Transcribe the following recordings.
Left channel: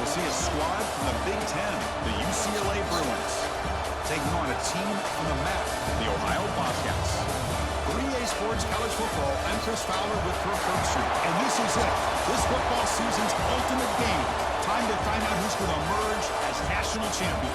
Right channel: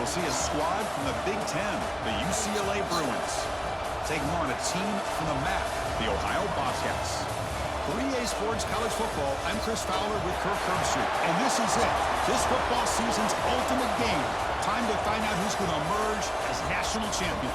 we'll see a squad from the Big Ten, the UCLA Bruins, taking on a team from the MAC, the Ohio Bobcats. 3A Sports College Football, I'm Chris Fowler with Kirk Herbstreit, and this is it. This football season's ultimate game. Time to find out who's going to emerge as national champion.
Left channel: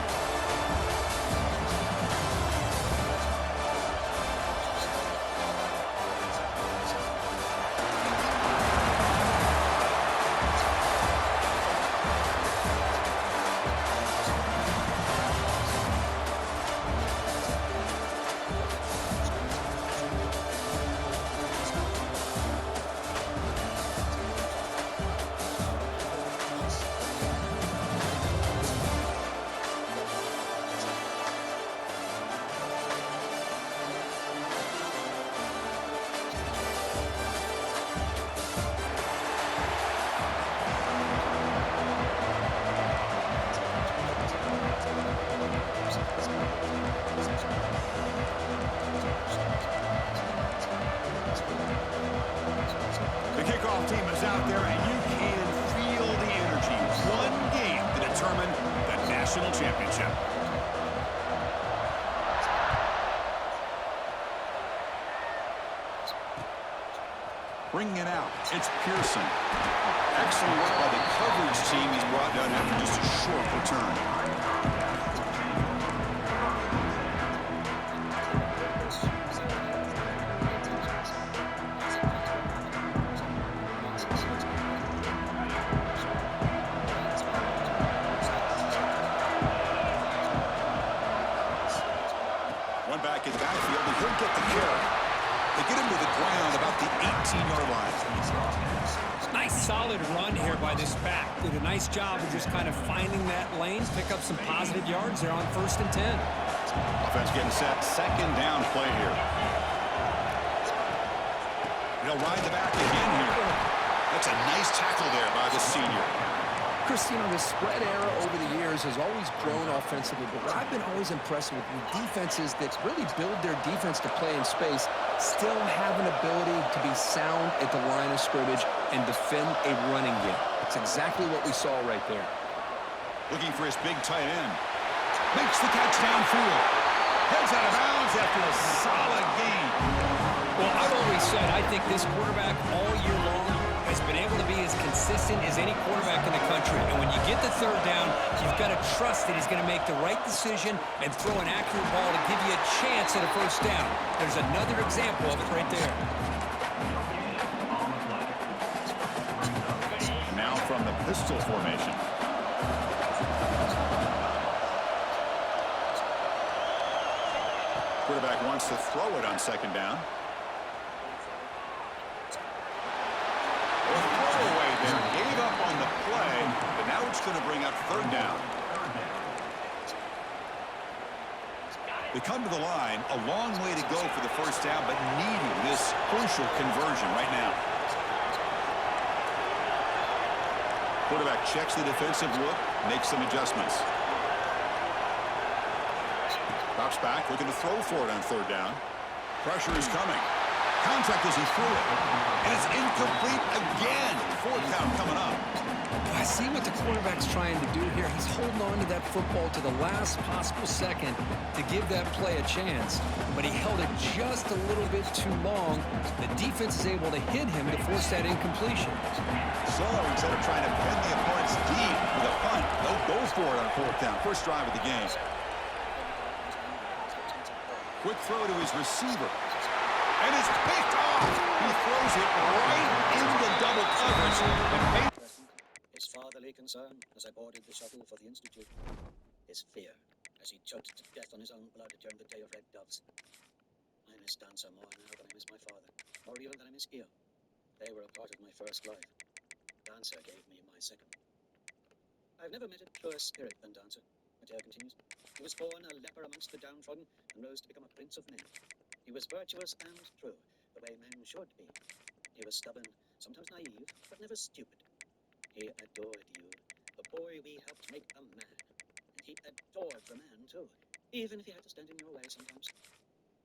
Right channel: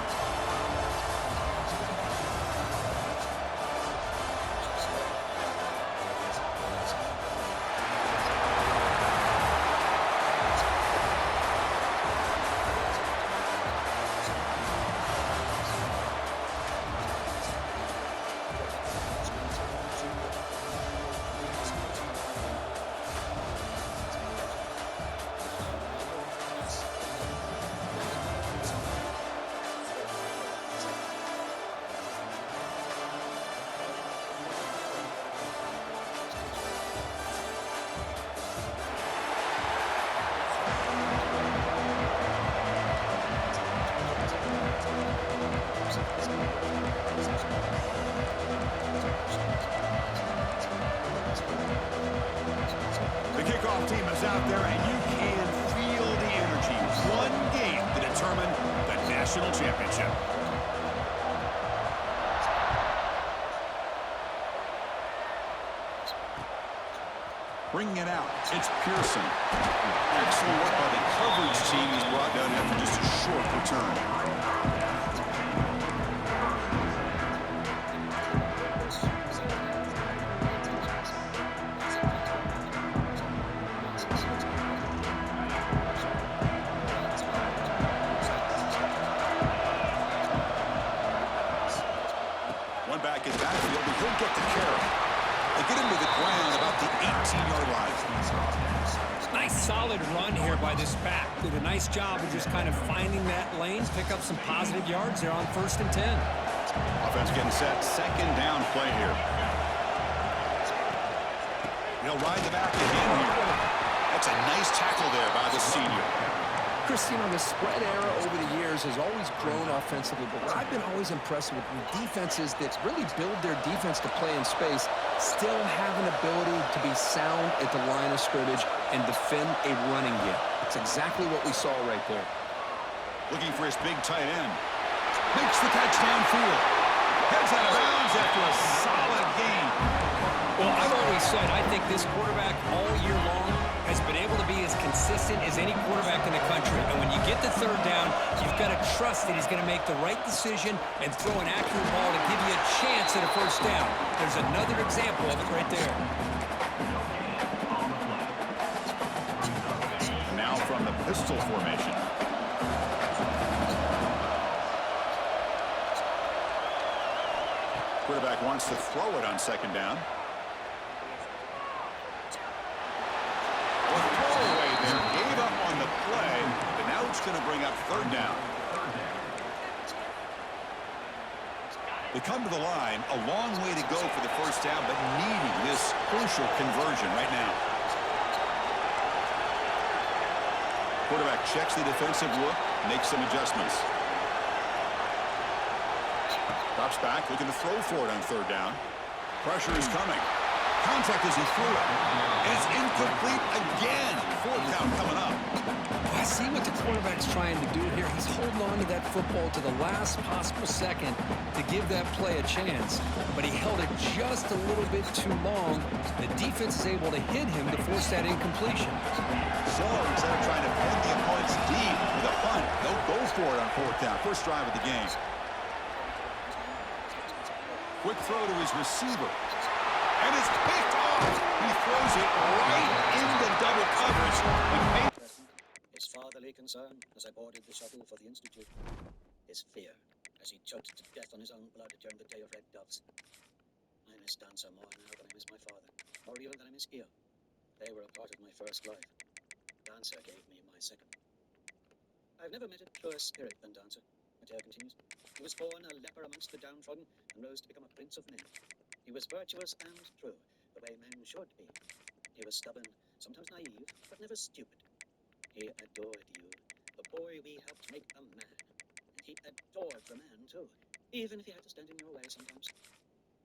Team is out there, and you can feel the energy. One game to determine the national championship. Bringing it out, it's Pearson. Excellent work by the coverage team. He's brought down after just a short return. Back in the backfield, and he'll get the carry. They get him to the ground about the 18-yard line. Nice solid run here by this back. Did a nice job of just kind of finding that lane, pick up some positive yards there on 1st and 10. Offense getting set. Second down play here. He'll ride the back again here. That's a nice tackle there by the senior. Chris, you know, the spread era over the years has always grown offensively, but what I've been always impressed with defenses that really build their defense to play in space still have an ability to be sound at the line of scrimmage and defend a running game. It's exactly what we saw right there. Looking for his big tight end. Makes the catch downfield. Heads out of bounds after a solid game. Well, I've always said I think this quarterback all year long has been able to be as consistent as any quarterback in the country. And when you get the 3rd down, you've got to trust that he's going to make the right decision and throw an accurate ball to give you a chance at a 1st down. There's another example of it right there. And now from the pistol formation. Quarterback wants to throw it on 2nd down. A throwaway there, gave up on the play, but now it's going to bring up 3rd down. They come to the line, a long way to go for the 1st down, but needing this crucial conversion right now. Quarterback checks the defensive look, makes some adjustments. Drops back, looking to throw for it on 3rd down. Pressure is coming. Contact as he threw it. And it's incomplete again. 4th down coming up. I see what the quarterback's trying to do here. He's holding on to that football to the last possible second to give that play a chance. But he held it just a little bit too long. The defense is able to hit him to force that incompletion. So instead of trying to pin the opponents deep with a punt, they'll go for it on 4th down. First drive of the game. Quick throw to his receiver. And it's picked off. He throws it right into double coverage. And his fatherly concern as I boarded the shuttle for the Institute. His fear as he choked to death on his own blood during the day of red doves. I miss Dancer more now than I miss my father, more even than I miss Gio. They were a part of my first life. Dancer gave me my second. I've never met a truer spirit than Dancer, Mateo continues. He was born a leper amongst the downtrodden and rose to become a prince of men. He was virtuous and true, the way men should be. He was stubborn, sometimes naive, but never stupid. He adored you, the boy we helped make a man. And he adored the man, too, even if he had to stand in your way sometimes.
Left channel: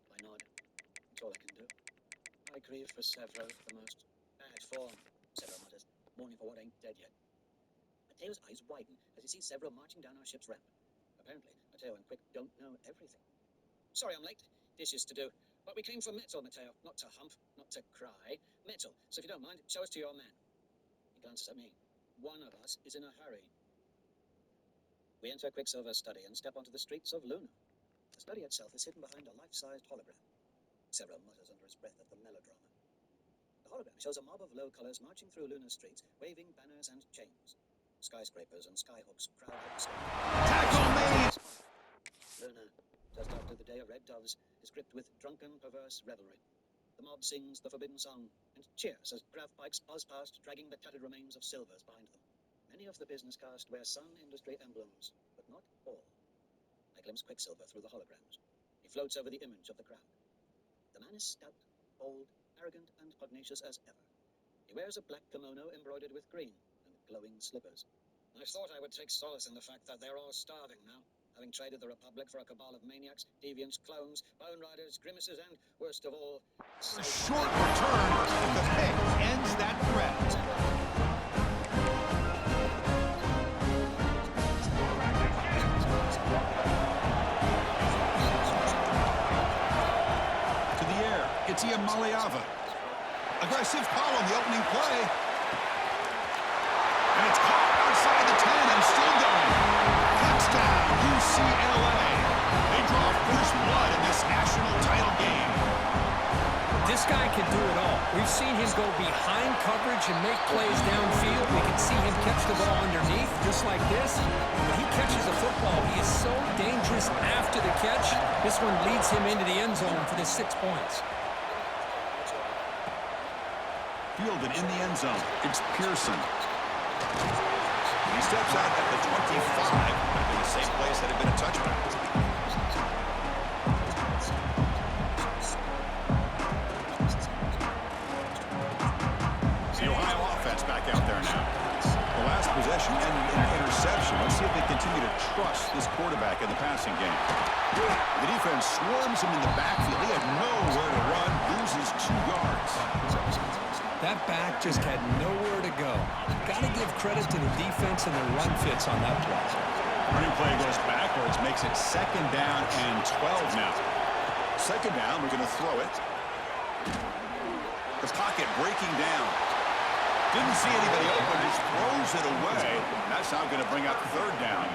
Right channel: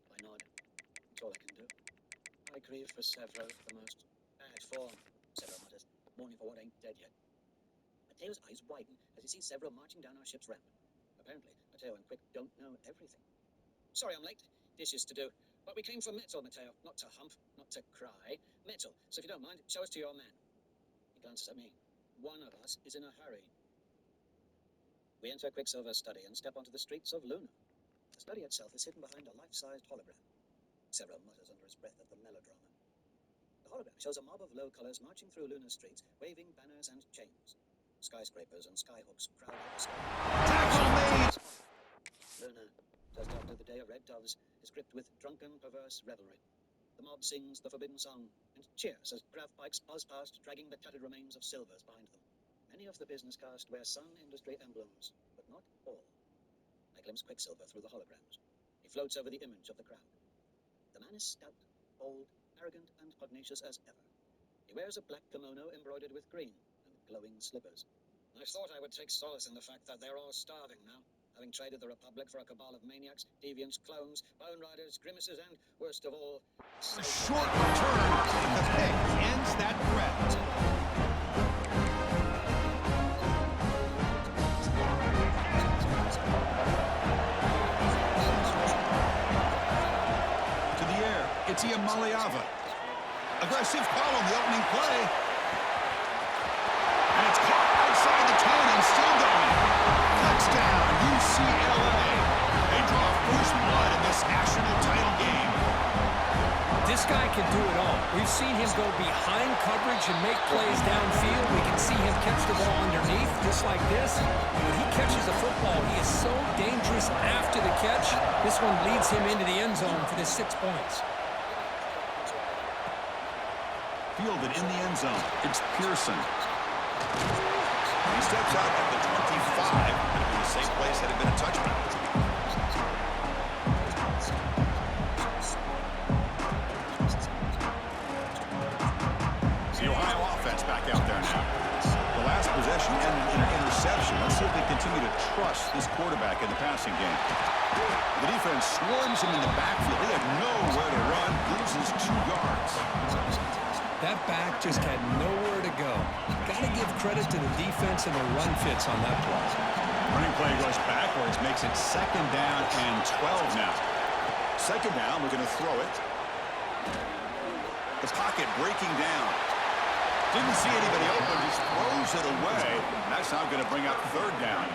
I nod. That's all I can do. I grieve for Severo, the most bad form, Severo mutters, mourning for what ain't dead yet. Mateo's eyes widen as he sees several marching down our ship's ramp. Apparently, Mateo and Quick don't know everything. Sorry I'm late. Dishes to do. But we came for metal, Mateo. Not to hump, not to cry. Metal. So if you don't mind, show us to your man. He glances at me. One of us is in a hurry. We enter Quicksilver's study and step onto the streets of Luna. The study itself is hidden behind a life-sized hologram. Several mutters under his breath at the melodrama. The hologram shows a mob of low-colors marching through Luna's streets, waving banners and chains. Skyscrapers and skyhooks crowd out the sky. Tackle made! Luna, just after the day of red doves, is gripped with drunken, perverse revelry. The mob sings the forbidden song and cheers as grav bikes buzz past, dragging the tattered remains of silvers behind them. Many of the business cast wear Sun Industry emblems, but not all. I glimpse Quicksilver through the holograms. He floats over the image of the crowd. The man is stout, bold, arrogant, and pugnacious as ever. He wears a black kimono embroidered with green and glowing slippers. I thought I would take solace in the fact that they're all starving now, having traded the Republic for a cabal of maniacs, deviants, clones, bone riders, grimaces, and, worst of all, A short return, but the pick ends that threat. To the air, it's Maliava. Aggressive call on the opening play. And it's caught outside the 10 and still going. Touchdown, UCLA. They draw first blood in this national title game. This guy can do it all. We've seen him go behind coverage and make plays downfield. We can see him catch the ball underneath, just like this. When he catches a football, he is so dangerous after the catch. This one leads him into the end zone for the 6 points. Fielded in the end zone, it's Pearson. He steps out at the 25, but in the same place had it been a touchback. The Ohio offense back out there now. The last possession ended in an interception. Let's see if they continue to trust this quarterback in the passing game. The defense swarms him in the backfield. He had nowhere to run, loses 2 yards. That back just had nowhere to go. Got to give credit to the defense and the run fits on that play. Running play goes backwards, makes it 2nd down and 12 now. 2nd down, we're going to throw it. The pocket breaking down. Didn't see anybody open, just throws it away. That's now going to bring up 3rd down.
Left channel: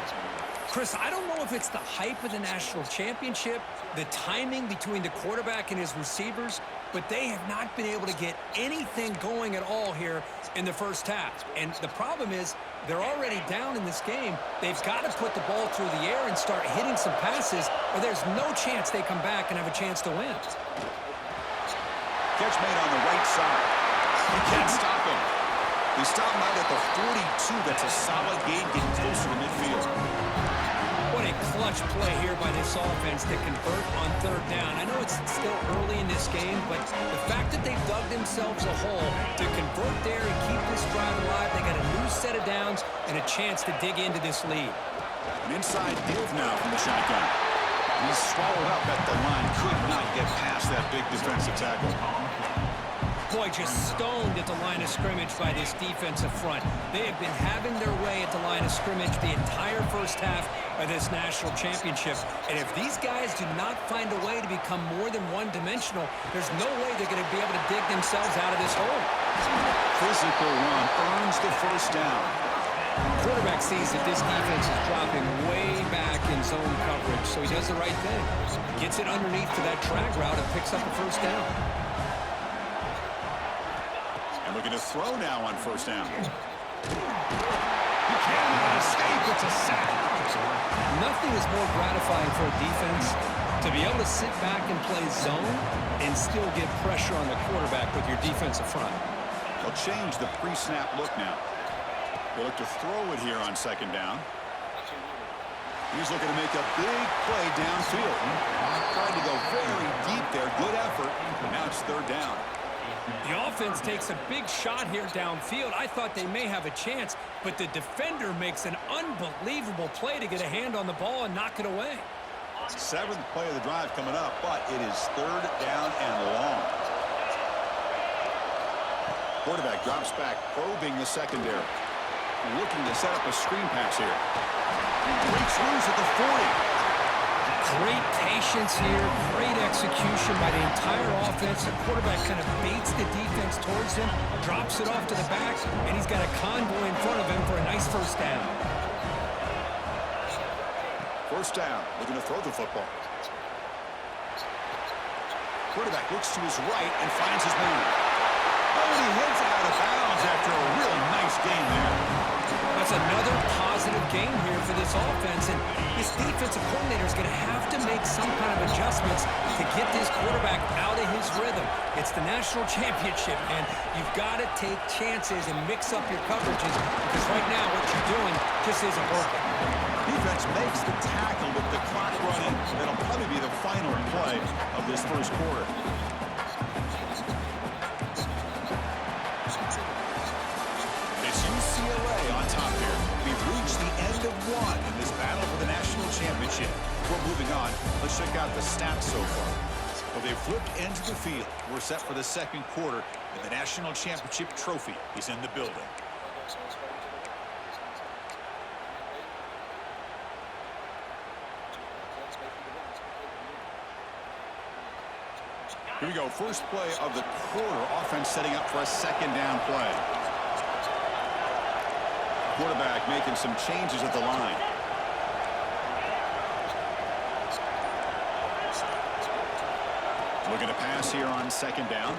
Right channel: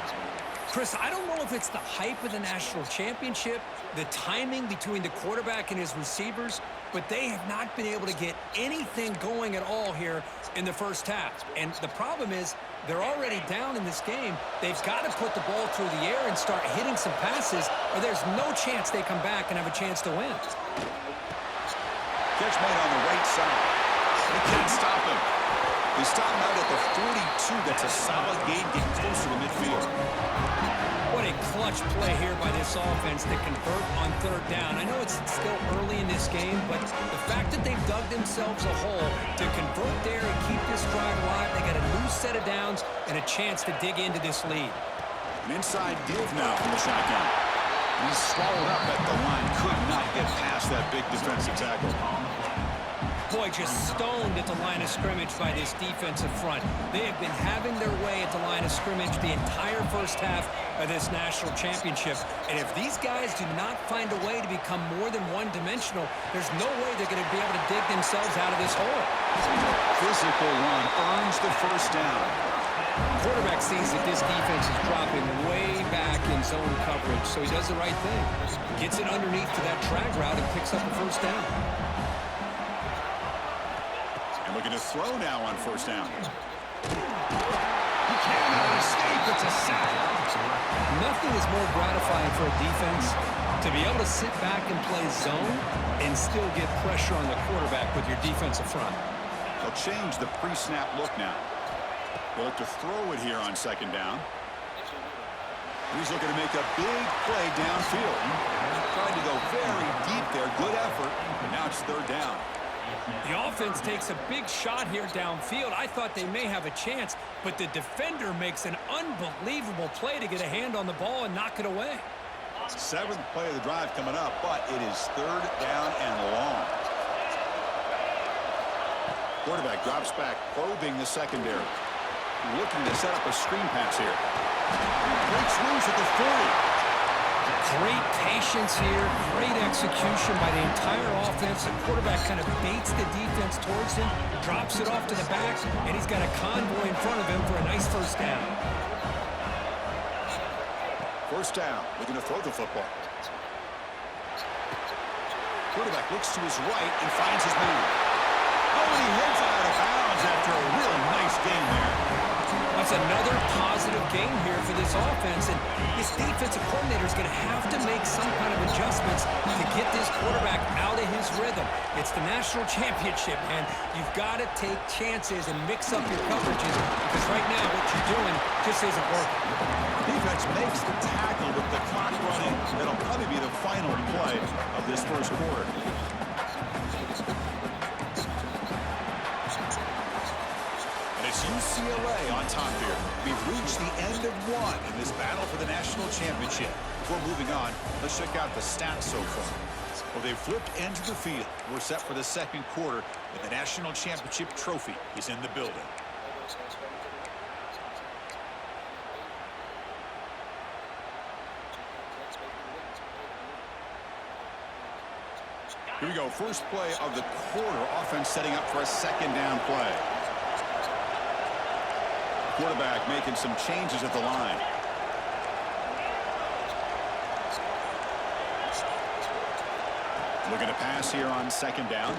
Chris, I don't know if it's the hype of the national championship, the timing between the quarterback and his receivers, but they have not been able to get anything going at all here in the first half. And the problem is they're already down in this game. They've got to put the ball through the air and start hitting some passes, or there's no chance they come back and have a chance to win. Catch made on the right side. They can't stop him. They stop him out at the 42. That's a solid gain, getting closer to midfield. What a clutch play here by this offense to convert on 3rd down. I know it's still early in this game, but the fact that they've dug themselves a hole to convert there and keep this drive alive, they got a new set of downs and a chance to dig into this lead. An inside give now from the shotgun. He's swallowed up at the line. Could not get past that big defensive tackle. Boy, just stoned at the line of scrimmage by this defensive front. They have been having their way at the line of scrimmage the entire first half of this national championship. And if these guys do not find a way to become more than one-dimensional, there's no way they're going to be able to dig themselves out of this hole. Physical run earns the 1st down. Quarterback sees that this defense is dropping way back in zone coverage, so he does the right thing. Gets it underneath to that drag route and picks up a 1st down. And looking to throw now on 1st down. He cannot escape. It's a sack. Nothing is more gratifying for a defense to be able to sit back and play zone and still get pressure on the quarterback with your defensive front. They'll change the pre-snap look now. They'll look to throw it here on 2nd down. He's looking to make a big play downfield. Tried to go very deep there. Good effort. But now it's 3rd down. The offense takes a big shot here downfield. I thought they may have a chance, but the defender makes an unbelievable play to get a hand on the ball and knock it away. 7th play of the drive coming up, but it is 3rd down and long. Quarterback drops back, probing the secondary. looking to set up a screen pass here. Breaks loose at the 40. Great patience here, great execution by the entire offense. The quarterback kind of baits the defense towards him, drops it off to the back, and he's got a convoy in front of him for a nice first down. First down, looking to throw the football. Quarterback looks to his right and finds his man. Oh, and he heads out of bounds after a really nice game there. That's another positive game here for this offense, and this defensive coordinator is going to have to make some kind of adjustments to get this quarterback out of his rhythm. It's the national championship, man. You've got to take chances and mix up your coverages because right now what you're doing just isn't working. Defense makes the tackle with the clock running. That'll probably be the final play of this first quarter. UCLA on top here. We've reached the end of one in this battle for the national championship. Before moving on, let's check out the stats so far. Well, they've flipped into the field. We're set for the second quarter, and the national championship trophy is in the building. Here we go. First play of the quarter. Offense setting up for a second down play. Quarterback making some changes at the line. Looking to pass here on second down.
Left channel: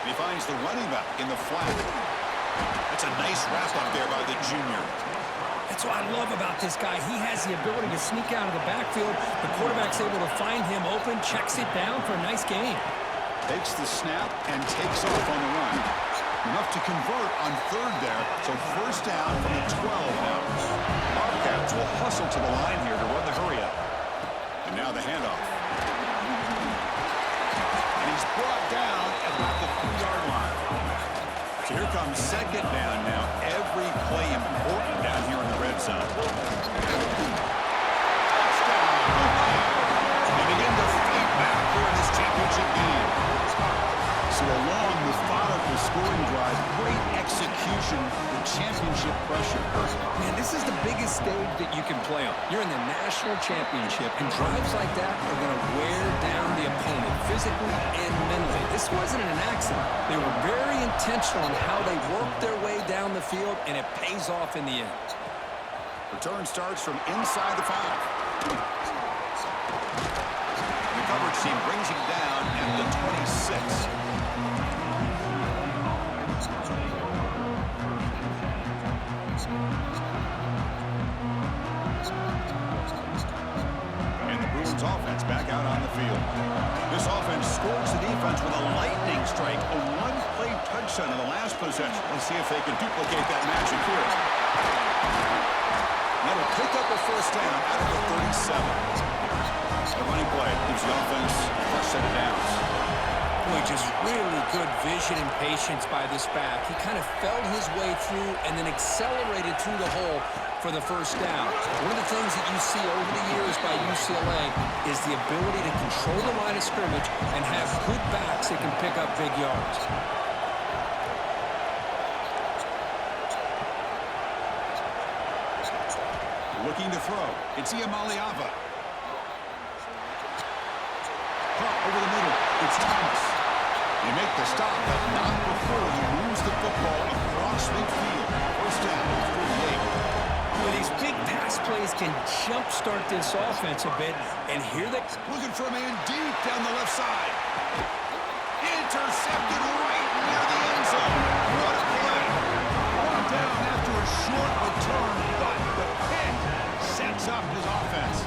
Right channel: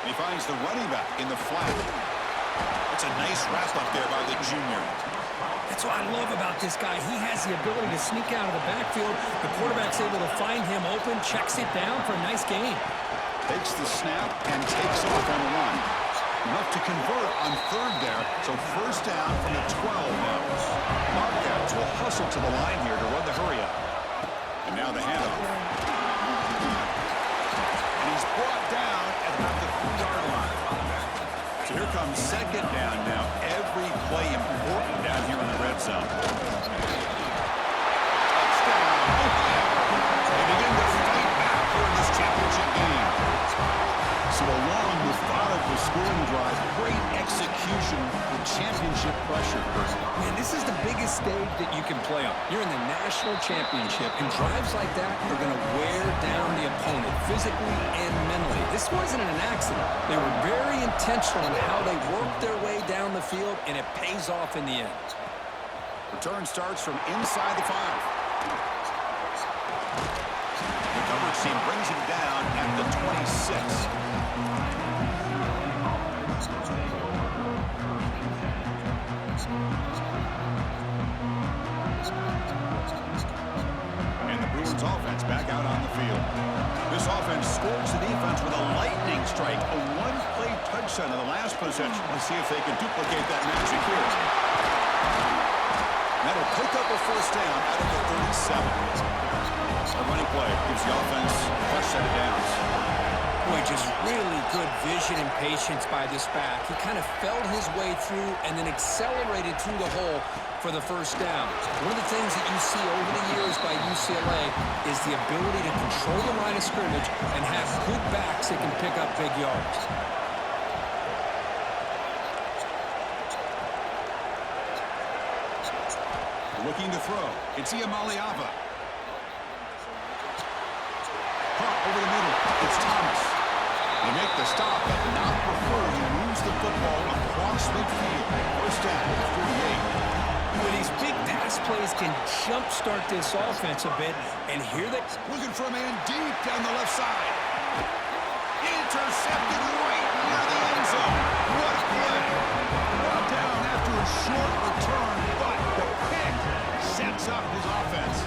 And he finds the running back in the flat. That's a nice wrap up there by the junior. That's what I love about this guy. He has the ability to sneak out of the backfield. The quarterback's able to find him open, checks it down for a nice gain. Takes the snap and takes off on the run. Enough to convert on third there, so first down from the 12 now. Bobcats will hustle to the line here to run the hurry up. And now the handoff. And he's brought down at about the 3-yard line. So here comes second down now. Every play important down here in the red zone. Touchdown, Ohio. They begin to fight back here in this championship game. So a long, methodical scoring drive, great execution with championship pressure. Man, this is the biggest stage that you can play on. You're in the national championship, and drives like that are going to wear down the opponent physically and mentally. This wasn't an accident. They were very intentional in how they worked their way down the field, and it pays off in the end. Return starts from inside the 5. The coverage team brings him down at the 26. And the Bruins offense back out on the field. This offense scores the defense with a lightning strike, a one-play touchdown in the last possession. Let's see if they can duplicate that magic here. That'll pick up a first down out of the 37. The running play gives the offense a fresh set of downs. Boy, just really good vision and patience by this back. He kind of felt his way through and then accelerated through the hole for the first down. One of the things that you see over the years by UCLA is the ability to control the line of scrimmage and have good backs that can pick up big yards. Looking to throw. It's Iamaleava. Pop over the middle. It's Thomas. They make the stop, but not before he moves the football across midfield. First down, 48. Well, these big pass plays can jumpstart this offense a bit, and here they... Looking for a man deep down the left side. Intercepted right near the end zone. What a play. Brought down after a short return, but the pick sets up his offense.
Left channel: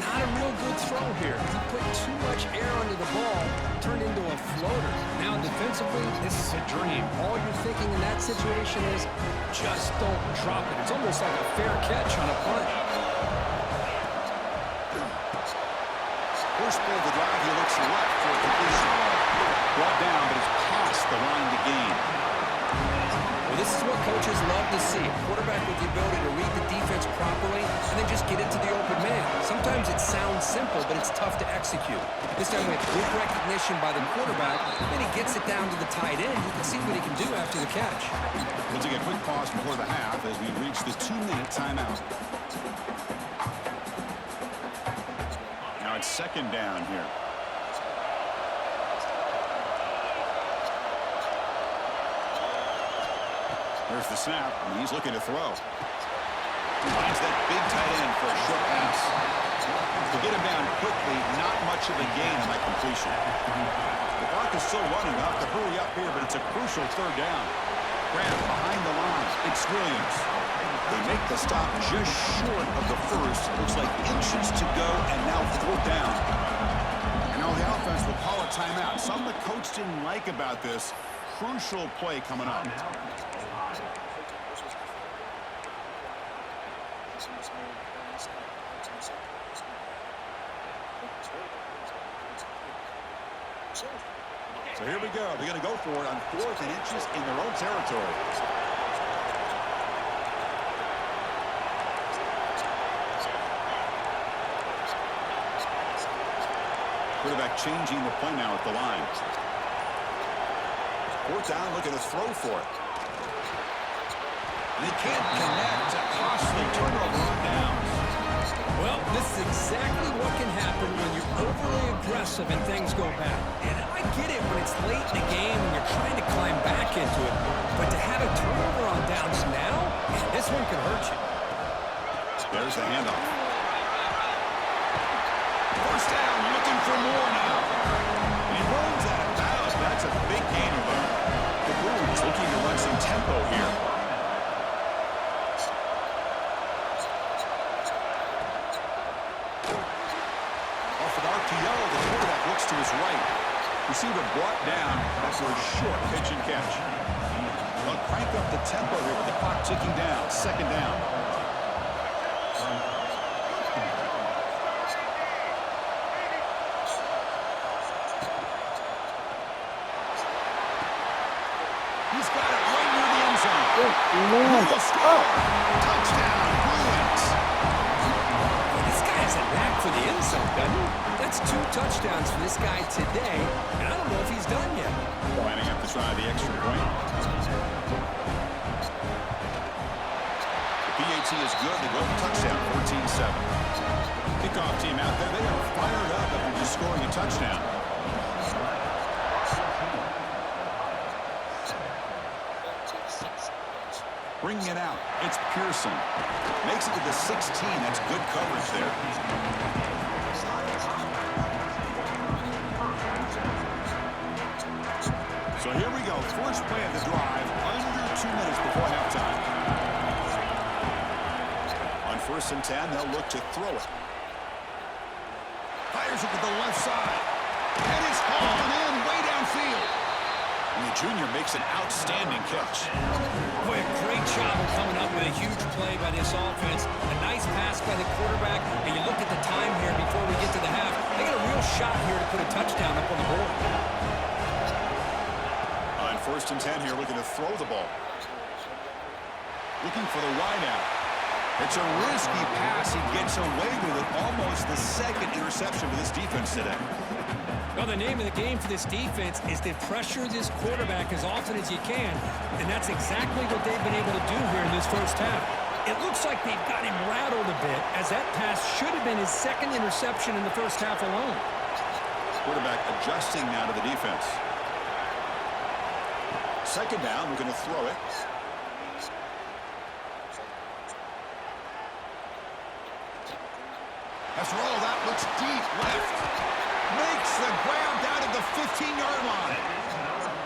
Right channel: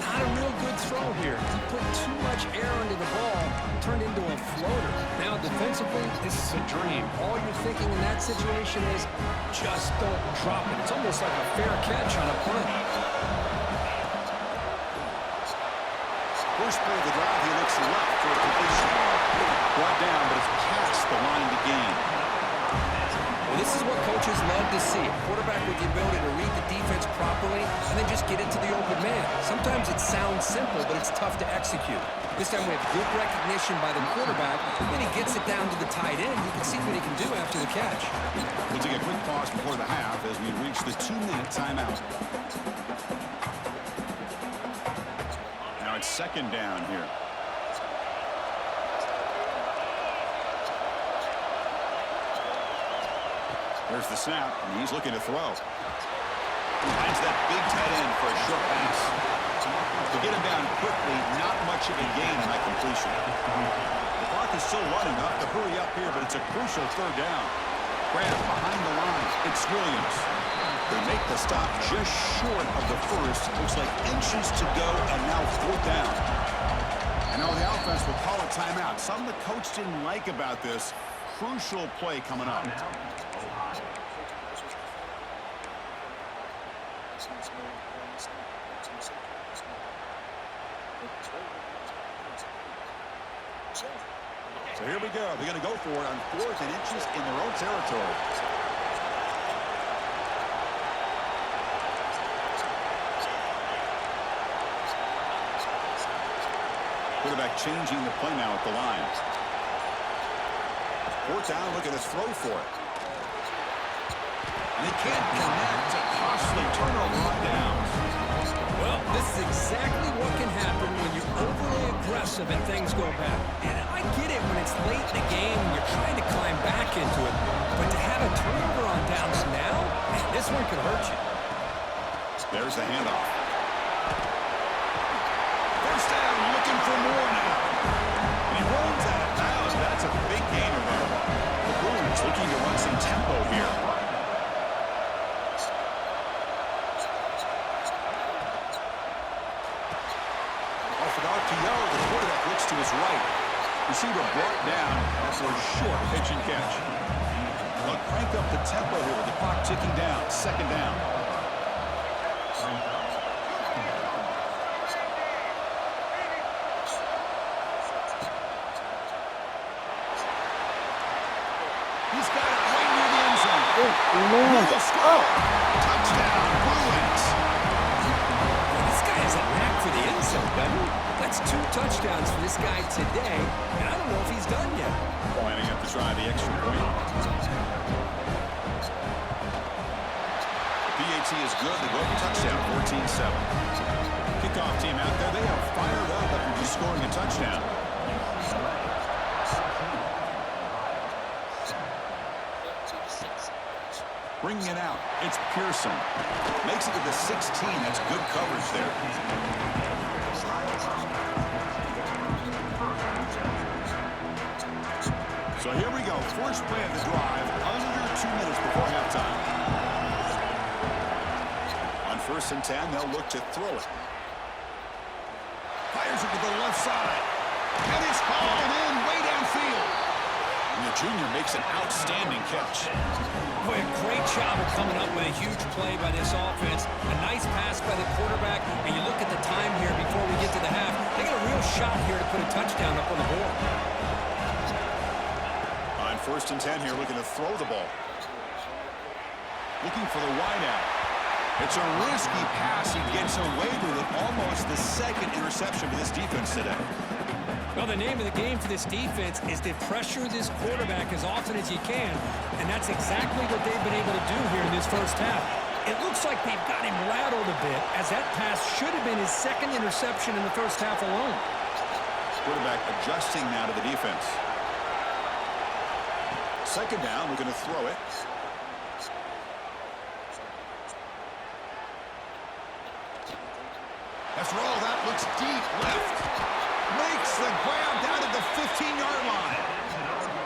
Not a real good throw here. He put too much air under the ball, turned into a floater. Now, defensively, this is a dream. All you're thinking in that situation is just don't drop it. It's almost like a fair catch on a punt. First play of the drive, he looks left for a completion. Brought down, but it's past the line to gain. Well, this is what coaches love to see. A quarterback with the ability to read the defense properly and then just get it to the open man. Sometimes it sounds simple, but it's tough to execute. This time we have good recognition by the quarterback, then he gets it down to the tight end. You can see what he can do after the catch. We'll take a quick pause before the half as we reach the 2-minute timeout. Now it's second down here. Here's the snap, and he's looking to throw. Finds that big tight end for a short pass. To get him down quickly, not much of a gain on that completion. The clock is still running. They'll have to hurry up here, but it's a crucial third down. Grab behind the line. It's Williams. They make the stop just short of the first. Looks like inches to go, and now fourth down. And now the offense will call a timeout. Something the coach didn't like about this. Crucial play coming up. So here we go. They're going to go for it on 4th and inches in their own territory. Quarterback changing the play now at the line. 4th down, looking to throw for it. And they can't connect. A costly turnover on downs. Well, this is exactly what can happen when you're overly aggressive and things go bad. And I get it when it's late in the game and you're trying to climb back into it. But to have a turnover on downs now, man, this one could hurt you. There's the handoff. First down, looking for more now. And he runs out of bounds. That's a big gainer there. The Bruins looking to run some tempo here. Off an RPO, the quarterback looks to his right. Receiver brought down after a short pitch and catch. They'll crank up the tempo here with the clock ticking down. Second down. He's got it right near the end zone. He will score. Touchdown, Bruins. Well, this guy has a knack for the end zone, doesn't he? That's 2 touchdowns for this guy today, and I don't know if he's done yet. Lining up to try the extra point. The PAT is good. They go for touchdown, 14-7. Kickoff team out there. They are fired up after just scoring a touchdown. Bringing it out, it's Pearson. Makes it to the 16. That's good coverage there. So here we go. First play of the drive, under 2 minutes before halftime. On 1st and 10, they'll look to throw it. Fires it to the left side. And it's hauled in way downfield. And the junior makes an outstanding catch. Boy, a great job of coming up with a huge play by this offense. A nice pass by the quarterback. And you look at the time here before we get to the half. They got a real shot here to put a touchdown up on the board. On 1st and 10 here, looking to throw the ball. Looking for the wideout. It's a risky pass. He gets away with it. Almost the 2nd interception for this defense today. Well, the name of the game for this defense is to pressure this quarterback as often as you can, and that's exactly what they've been able to do here in this first half. It looks like they've got him rattled a bit, as that pass should have been his 2nd interception in the first half alone. Quarterback adjusting now to the defense. 2nd down, we're going to throw it. After all, that looks deep left. Makes the grab down at the 15-yard line.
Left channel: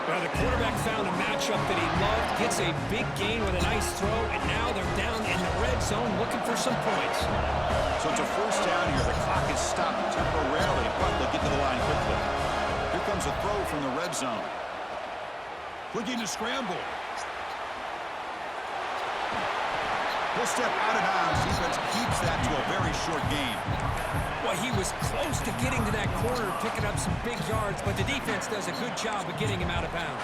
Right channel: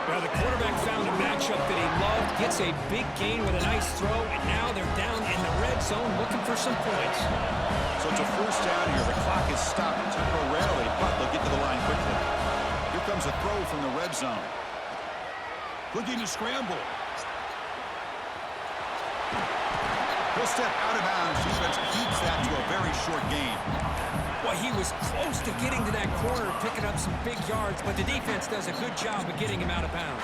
Well, the quarterback found a matchup that he loved, gets a big gain with a nice throw, and now they're down in the red zone looking for some points. So it's a 1st down here. The clock is stopped temporarily, but they'll get to the line quickly. Here comes a throw from the red zone. Looking to scramble. He'll step out of bounds. Defense keeps that to a very short gain. Well, he was close to getting to that corner, picking up some big yards, but the defense does a good job of getting him out of bounds.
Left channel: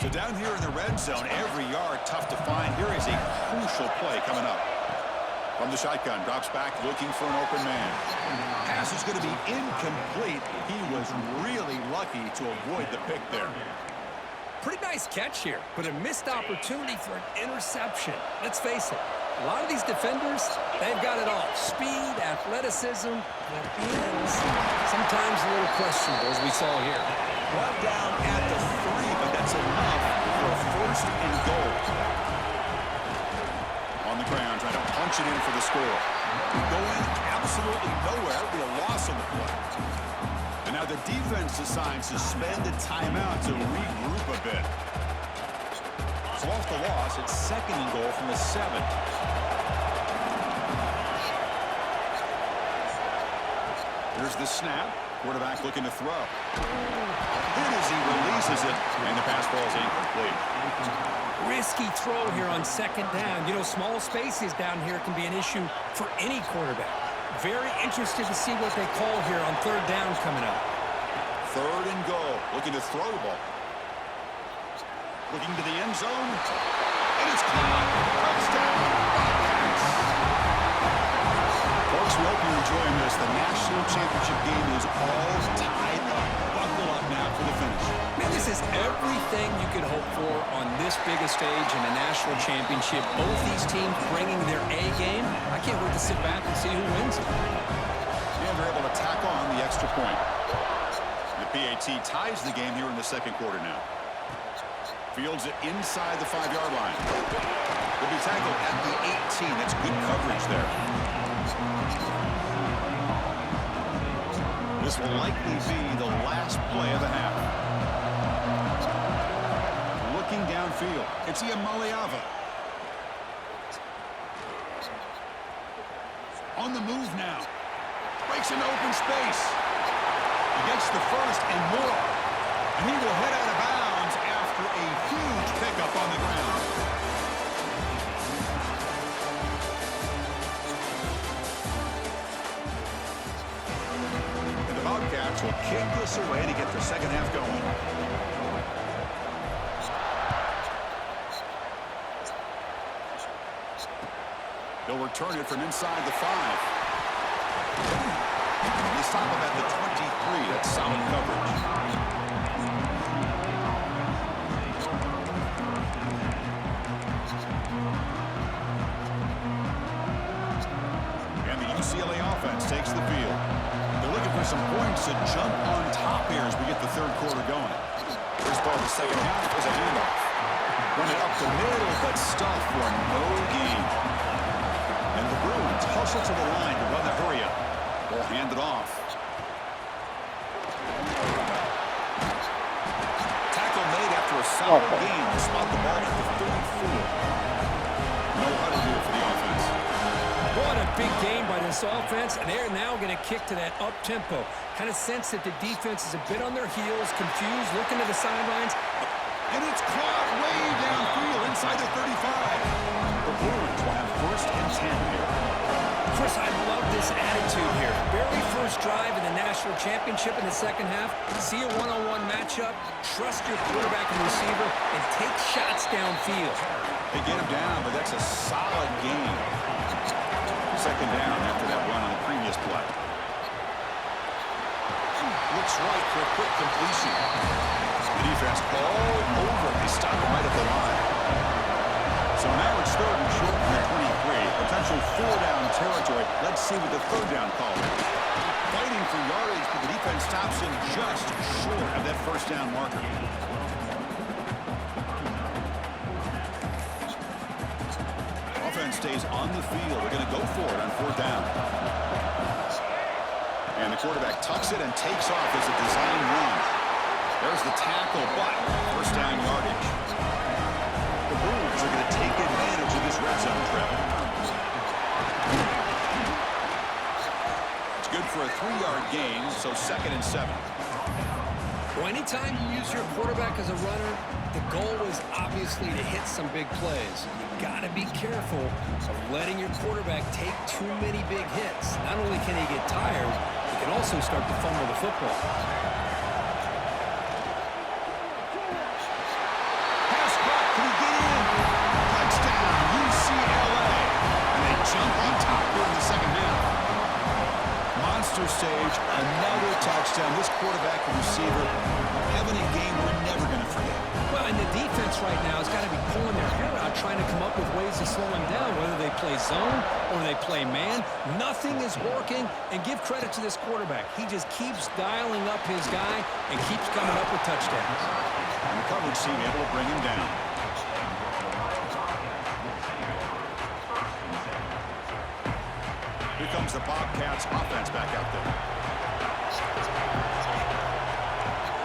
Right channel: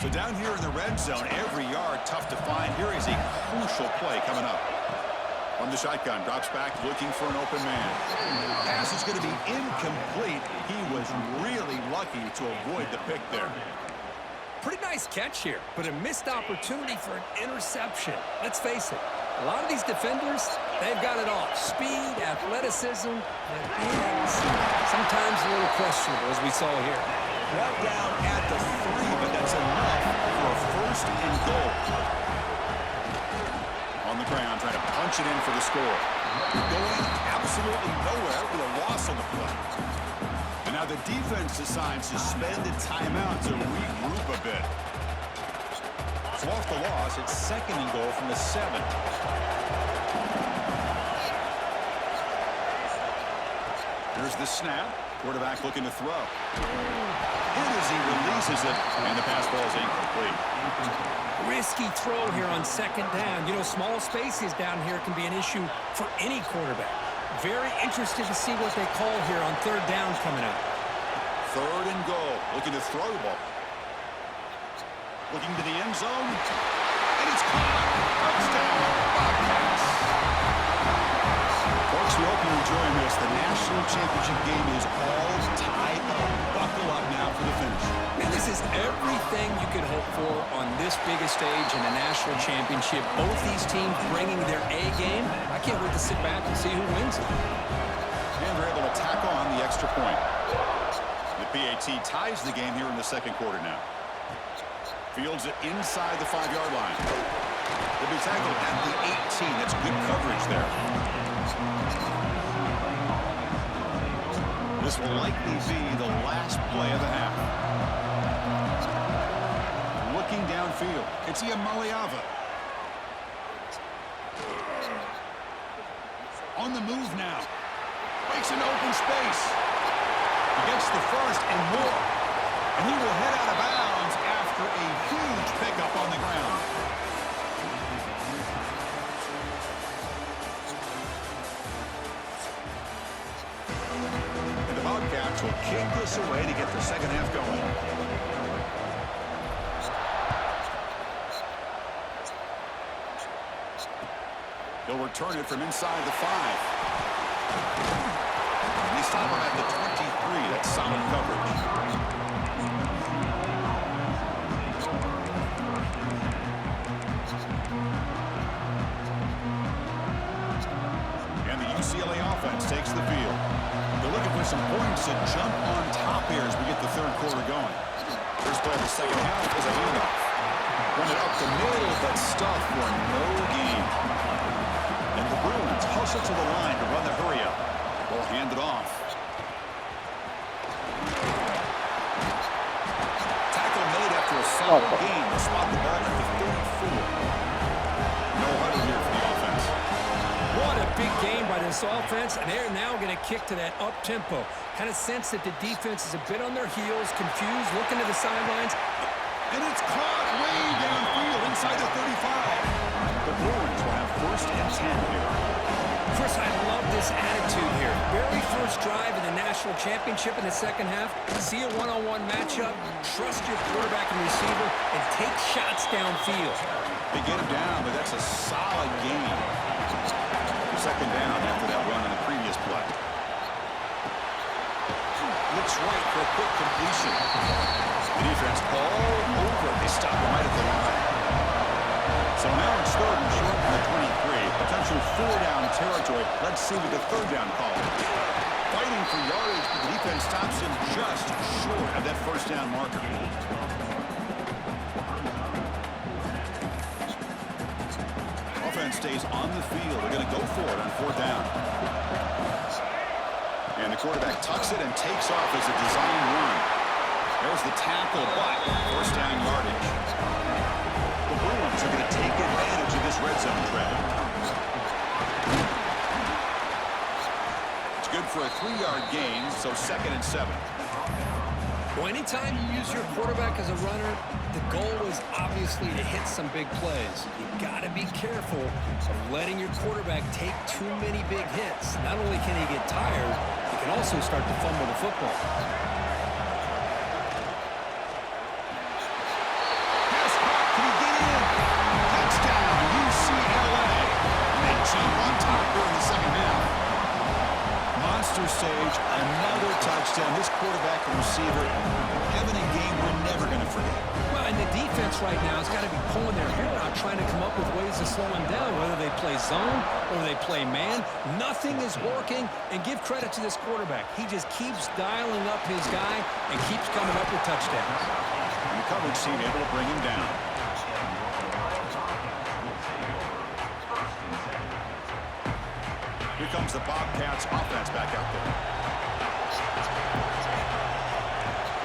So down here in the red zone, every yard tough to find. Here is a crucial play coming up. From the shotgun, drops back looking for an open man. Pass is going to be incomplete. He was really lucky to avoid the pick there. Pretty nice catch here, but a missed opportunity for an interception. Let's face it, a lot of these defenders, they've got it all. Speed, athleticism, but hands, sometimes a little questionable, as we saw here. One down at the 3, but that's enough for a first and goal. On the ground, trying to punch it in for the score. Going absolutely nowhere. It'll be a loss on the play. And now the defense decides to spend a timeout to regroup a bit. So off the loss, it's second and goal from the 7. Here's the snap. Quarterback looking to throw. Hit as he releases it, and the pass ball is incomplete. Risky throw here on second down. You know, small spaces down here can be an issue for any quarterback. Very interested to see what they call here on third down coming up. Third and goal. Looking to throw the ball. Looking to the end zone. And it's caught. Touchdown, Bobcats. Folks, we hope you're enjoying this. The national championship game is all tied up. Buckle up now for the finish. Man, this is everything you could hope for on this biggest stage in a national championship. Both these teams bringing their A game. I can't wait to sit back and see who wins it. And they're able to tack on the extra point. The PAT ties the game here in the second quarter now. Fields it inside the 5-yard line. They'll be tackled at the 18. That's good coverage there. This will likely be the last play of the half. Looking downfield, it's Iamaleava. On the move now. Breaks into open space. He gets the first and more. And he will head out of bounds after a huge pickup on the ground. And the Bobcats will kick this away to get the second half going. He'll return it from inside the 5. They stop him at the 23. That's solid coverage. And the UCLA offense takes the field. They're looking for some points to jump on top here as we get the third quarter going. First play of the second half is a handoff. Run it up the middle, but stuffed for no gain. And the Bruins hustle to the line to run the hurry-up. Ball handed off. Tackle made after a solid gain to spot the ball at the 34. No huddle here for the offense. What a big game by this offense, and they're now going to kick to that up-tempo. Kind of sense that the defense is a bit on their heels, confused, looking to the sidelines. And it's caught way downfield inside the 35. The Bruins will have first and 10 here. Chris, I love this attitude here. Very first drive in the national championship in the second half. See a one-on-one matchup, trust your quarterback and receiver, and take shots downfield. They get him down, but that's a solid game. Second down after that run on the previous play. Looks right for a quick completion. The defense all over it. They stop him right at the line. So now it's third and short from the 23. Potential 4-down territory. Let's see what the third down call is. Fighting for yardage, but the defense stops him just short of that first down marker. Offense stays on the field. They're going to go for it on fourth down. And the quarterback tucks it and takes off as a design run. There's the tackle, but first down yardage. The Bruins are going to take advantage of this red zone trap. It's good for a 3-yard gain, so second and 7. Well, anytime you use your quarterback as a runner, the goal is obviously to hit some big plays. You got to be careful of letting your quarterback take too many big hits. Not only can he get tired, he can also start to fumble the football. jump on top here in the second half. Monster stage, another touchdown. This quarterback and receiver having a game we're never going to forget. Well, and the defense right now has got to be pulling their hair out trying to come up with ways to slow him down, whether they play zone or they play man. Nothing is working, and give credit to this quarterback. He just keeps dialing up his guy and keeps coming up with touchdowns. And the coverage team able to bring him down. Here comes the Bobcats offense back out there.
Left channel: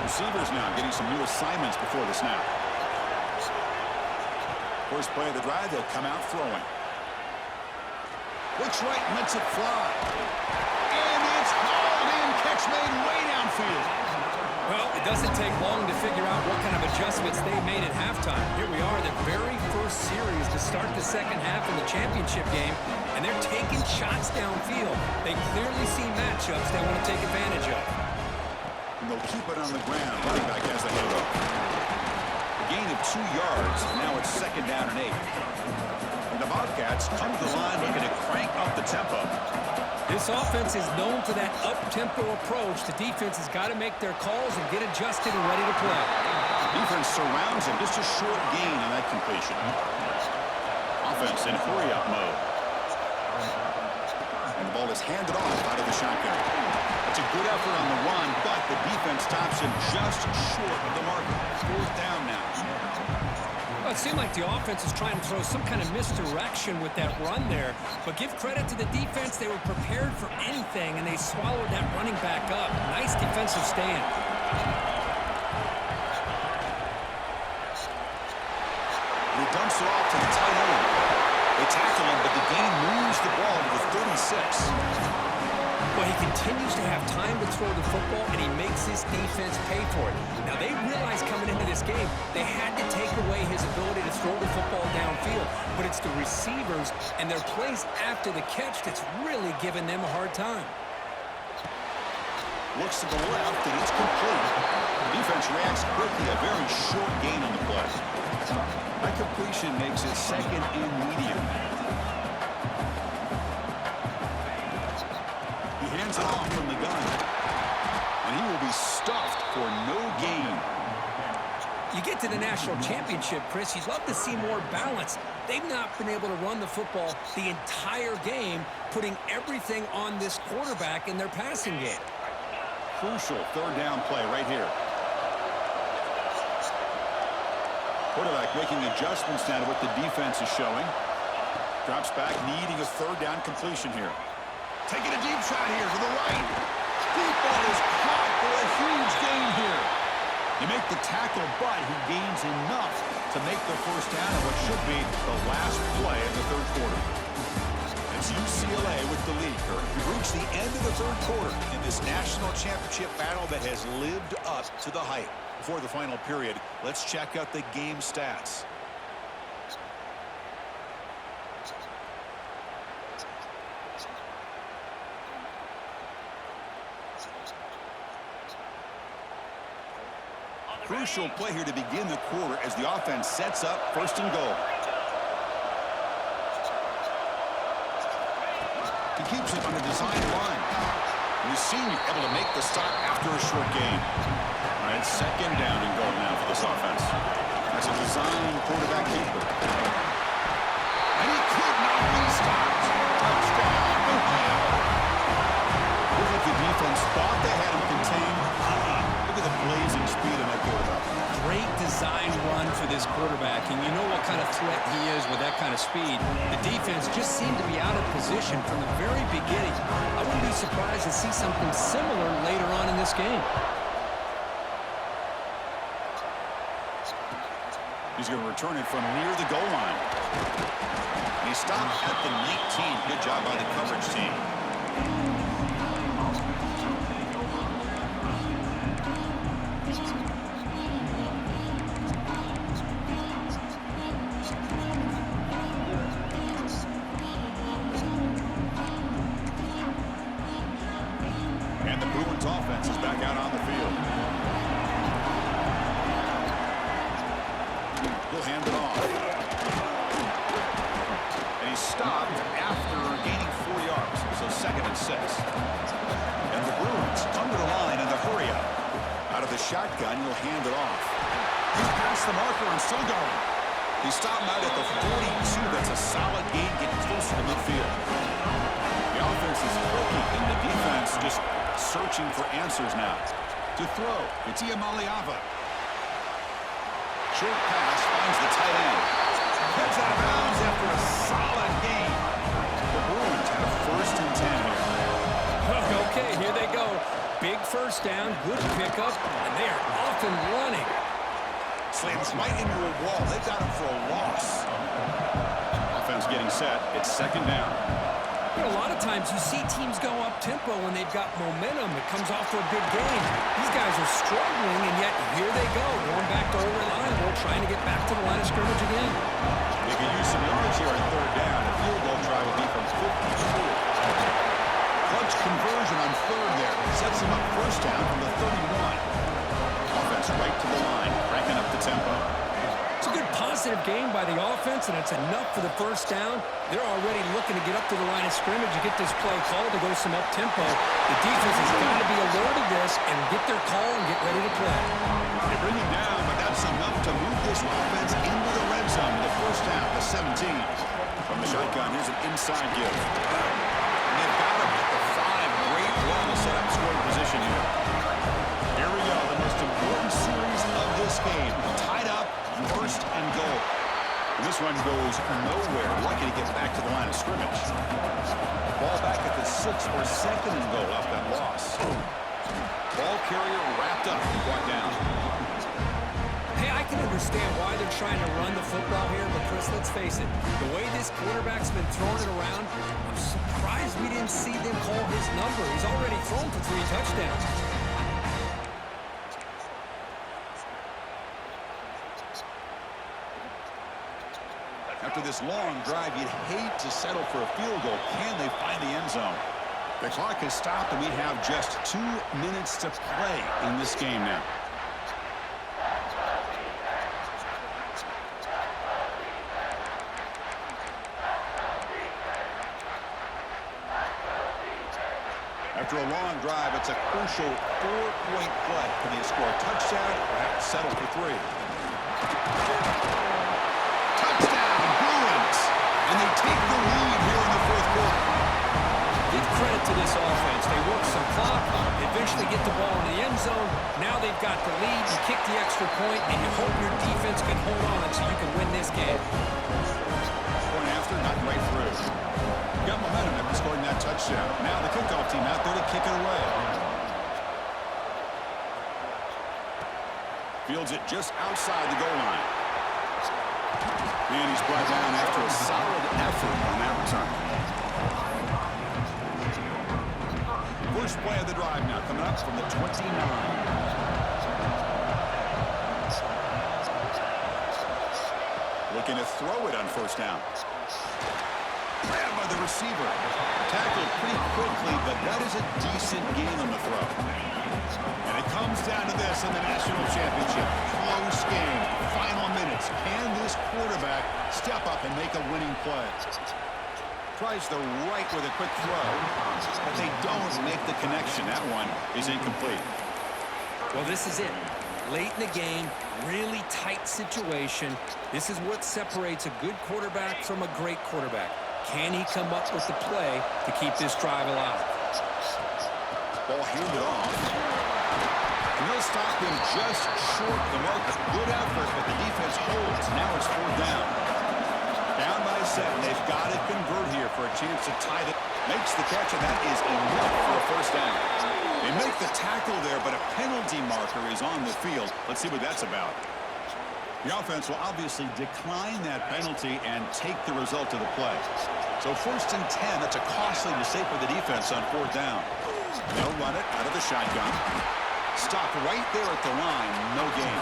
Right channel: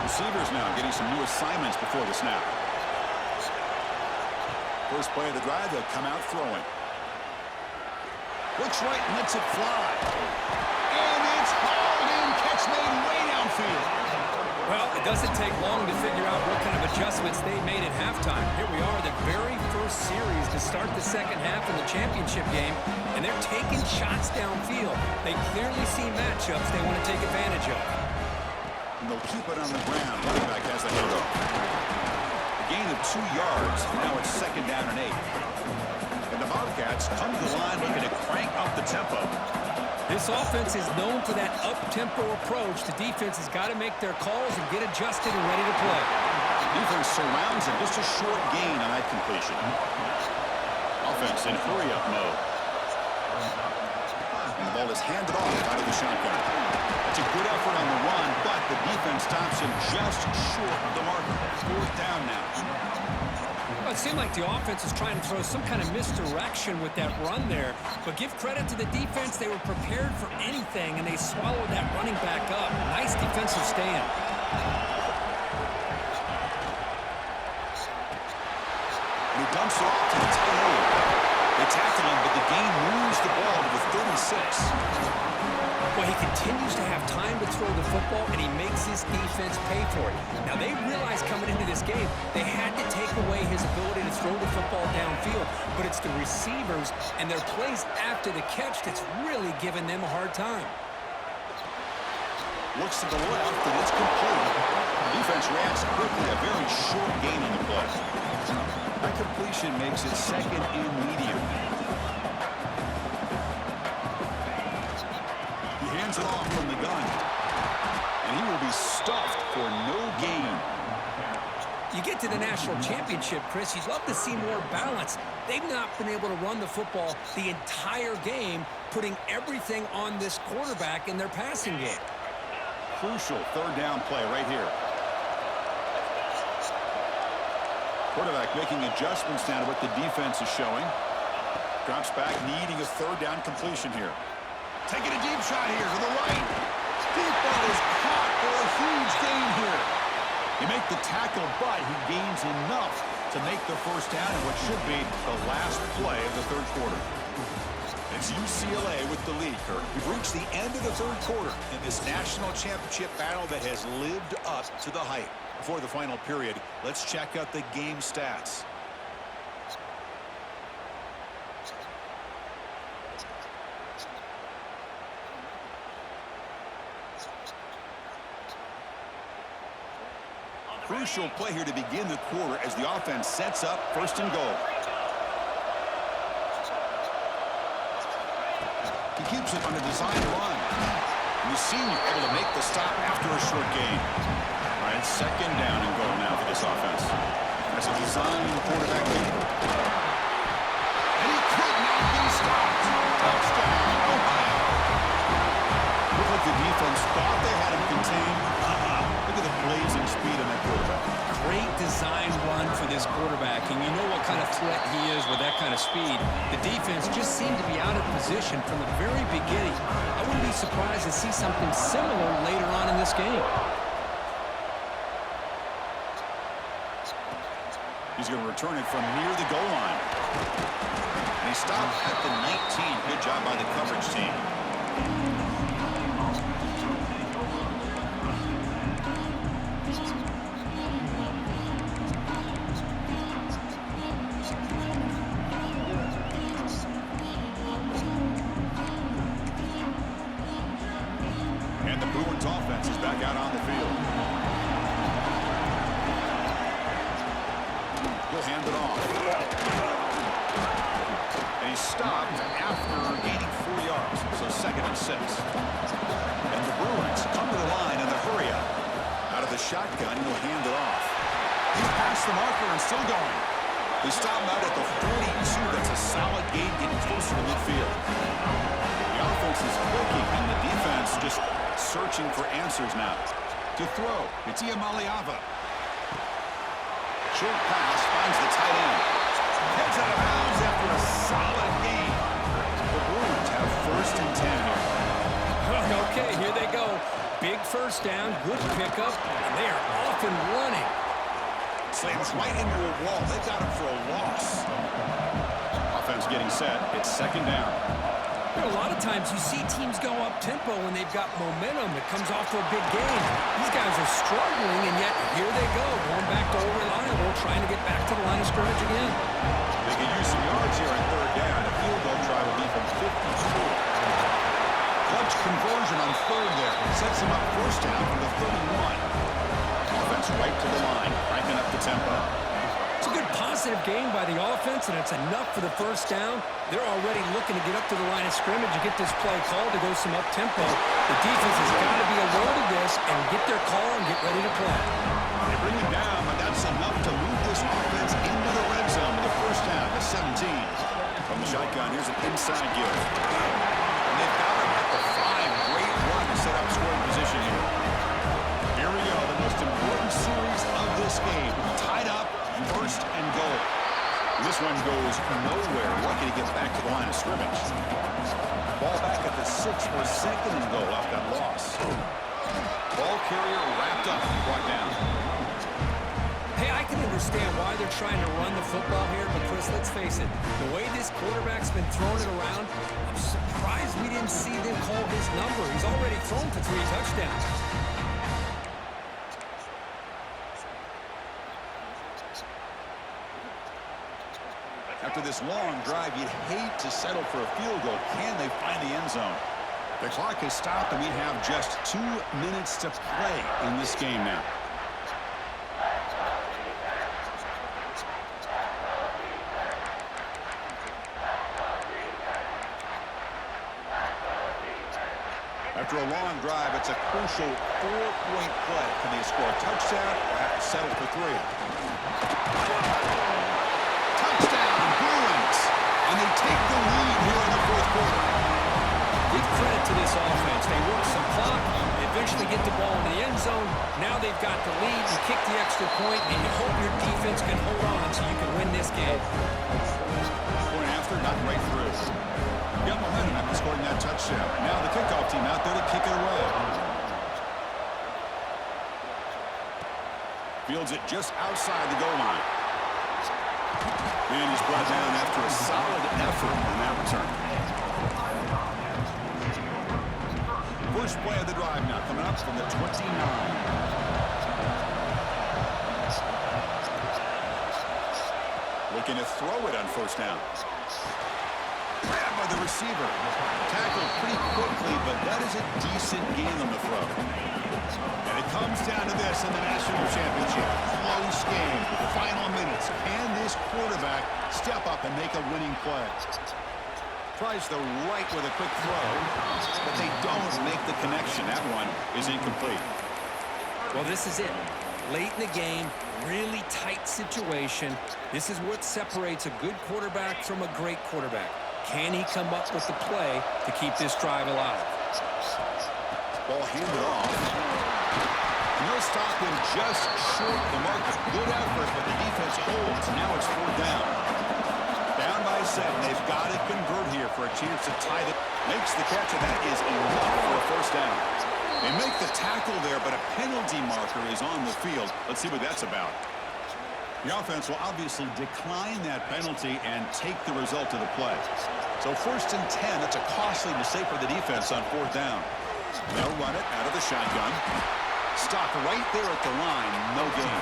Receivers now getting some new assignments before the snap. First play of the drive, they'll come out throwing. Looks right and lets it fly. And it's hauled in, catch made way downfield. Well, it doesn't take long to figure out what kind of adjustments they made at halftime. Here we are, the very first series to start the second half in the championship game, and they're taking shots downfield. They clearly see matchups they want to take advantage of. And they'll keep it on the ground. Running back has the handoff. A gain of 2 yards. Now it's second down and 8. And the Bobcats come to the line looking to crank up the tempo. This offense is known for that up-tempo approach. The defense has got to make their calls and get adjusted and ready to play. Defense surrounds him. Just a short gain on that completion. Offense in hurry-up mode. And the ball is handed off out of the shotgun. That's a good effort on the run, but the defense stops him just short of the marker. Fourth down now. Well, it seemed like the offense was trying to throw some kind of misdirection with that run there. But give credit to the defense. They were prepared for anything, and they swallowed that running back up. Nice defensive stand. And he dumps it off to the tight end. They tackle him, but the gain moves the ball to the 36. Well, he continues to have time to throw the football, and he makes his defense pay for it. Now, they realized coming into this game, they had to take away his ability to throw the football downfield. But it's the receivers and their plays after the catch that's really giving them a hard time. Looks to the left, and it's complete. Defense reacts quickly. A very short gain on the play. That completion makes it second and medium. He hands it off from the gun. And he will be stuffed for no gain. You get to the national championship, Chris, you'd love to see more balance. They've not been able to run the football the entire game, putting everything on this quarterback in their passing game. Crucial third down play right here. Quarterback making adjustments now to what the defense is showing. Drops back, needing a third down completion here. Taking a deep shot here to the right. Deep ball is caught for a huge gain here. They make the tackle, but he gains enough to make the first down in what should be the last play of the third quarter. It's UCLA with the lead, Kirk. We've reached the end of the third quarter in this national championship battle that has lived up to the hype. Before the final period, let's check out the game stats. Crucial play here to begin the quarter as the offense sets up first and goal. He keeps it on a design run. And the senior able to make the stop after a short gain. All right, second down and goal now for this offense. That's a design quarterback keeper. And he could not be stopped. Touchdown, Ohio. Looked like the defense thought they had him contained. Look at the blazing speed on that quarterback. Great design run for this quarterback, and you know what kind of threat he is with that kind of speed. The defense just seemed to be out of position from the very beginning. I wouldn't be surprised to see something similar later on in this game. He's going to return it from near the goal line. And he stopped at the 19. Good job by the coverage team. And the Bruins offense is back out on the field. He'll hand it off. And he he's stopped after gaining 4 yards, so 2nd and 6. And the Bruins come to the line in the hurry up. Out of the shotgun, he'll hand it off. He's past the marker and still going. He stopped out at the 42. That's a solid gain, getting closer to midfield. The offense is clicking, and the defense just searching for answers now. To throw, it's Iamaleava. Short pass finds the tight end. Heads out of bounds after a solid gain. The Bruins have 1st and 10 here. Okay, here they go. Big first down, good pickup, and they are off and running. Slams right into a wall. They got him for a loss. Offense getting set. It's 2nd down. You know, a lot of times you see teams go up-tempo when they've got momentum. It comes off for a big gain. These guys are struggling, and yet here they go, going back to old reliable, trying to get back to the line of scrimmage again. They could use some yards here on 3rd down. A field goal try would be from 52. Clutch conversion on 3rd there. Sets him up 1st down from the 31. Offense right to the line, cranking up the tempo. It's a good positive game by the offense, and it's enough for the 1st down. They're already looking to get up to the line of scrimmage and get this play called to go some up-tempo. The defense has got to be alert of this and get their call and get ready to play. They bring him down, but that's enough to move this offense into the red zone with a 1st down to 17. From the shotgun, here's an inside give. And they've got him at the 5. Great run to set up scoring position here. Here we go, the most important series of this game. Tied up, 1st and goal. And this one goes nowhere. Lucky to get back to the line of scrimmage. Ball back at the 6 for 2nd and goal off that loss. Ball carrier wrapped up and brought down. Hey, I can understand why they're trying to run the football here, but Chris, let's face it, the way this quarterback's been throwing it around, I'm surprised we didn't see them call his number. He's already thrown for 3 touchdowns. After this long drive, you'd hate to settle for a field goal. Can they find the end zone? The clock has stopped, and we have just 2 minutes to play in this game now. After a long drive, it's a crucial 4-point play. Can they score a touchdown or have to settle for 3? Touchdown, Bruins! And they take the lead here in the 4th quarter. Give credit to this offense. They work some clock, eventually get the ball in the end zone. Now they've got the lead. You kick the extra point, and you hope your defense can hold on so you can win this game. Point after, not right through. Got momentum after scoring that touchdown. Now the kickoff team out there to kick it away. Fields it just outside the goal line. And he's brought down after a solid effort on that return. First play of the drive now coming up from the 29. Looking to throw it on 1st down. Grabbed by the receiver. Tackled pretty quickly, but that is a decent gain on the throw. And it comes down to this in the national championship. Close game. Final minutes. Can this quarterback step up and make a winning play? Tries the right with a quick throw, but they don't make the connection. That one is incomplete. Well, this is it. Late in the game, really tight situation. This is what separates a good quarterback from a great quarterback. Can he come up with the play to keep this drive alive? Ball handed off. And they'll stop him just short of the marker. Good effort, but the defense holds. Now it's 4th down. Down by 7. They've got to convert here for a chance to tie it. Makes the catch, and that is enough for a 1st down. They make the tackle there, but a penalty marker is on the field. Let's see what that's about. The offense will obviously decline that penalty and take the result of the play. So 1st and 10, that's a costly mistake for the defense on 4th down. They'll run it out of the shotgun. Stop right there at the line, no gain.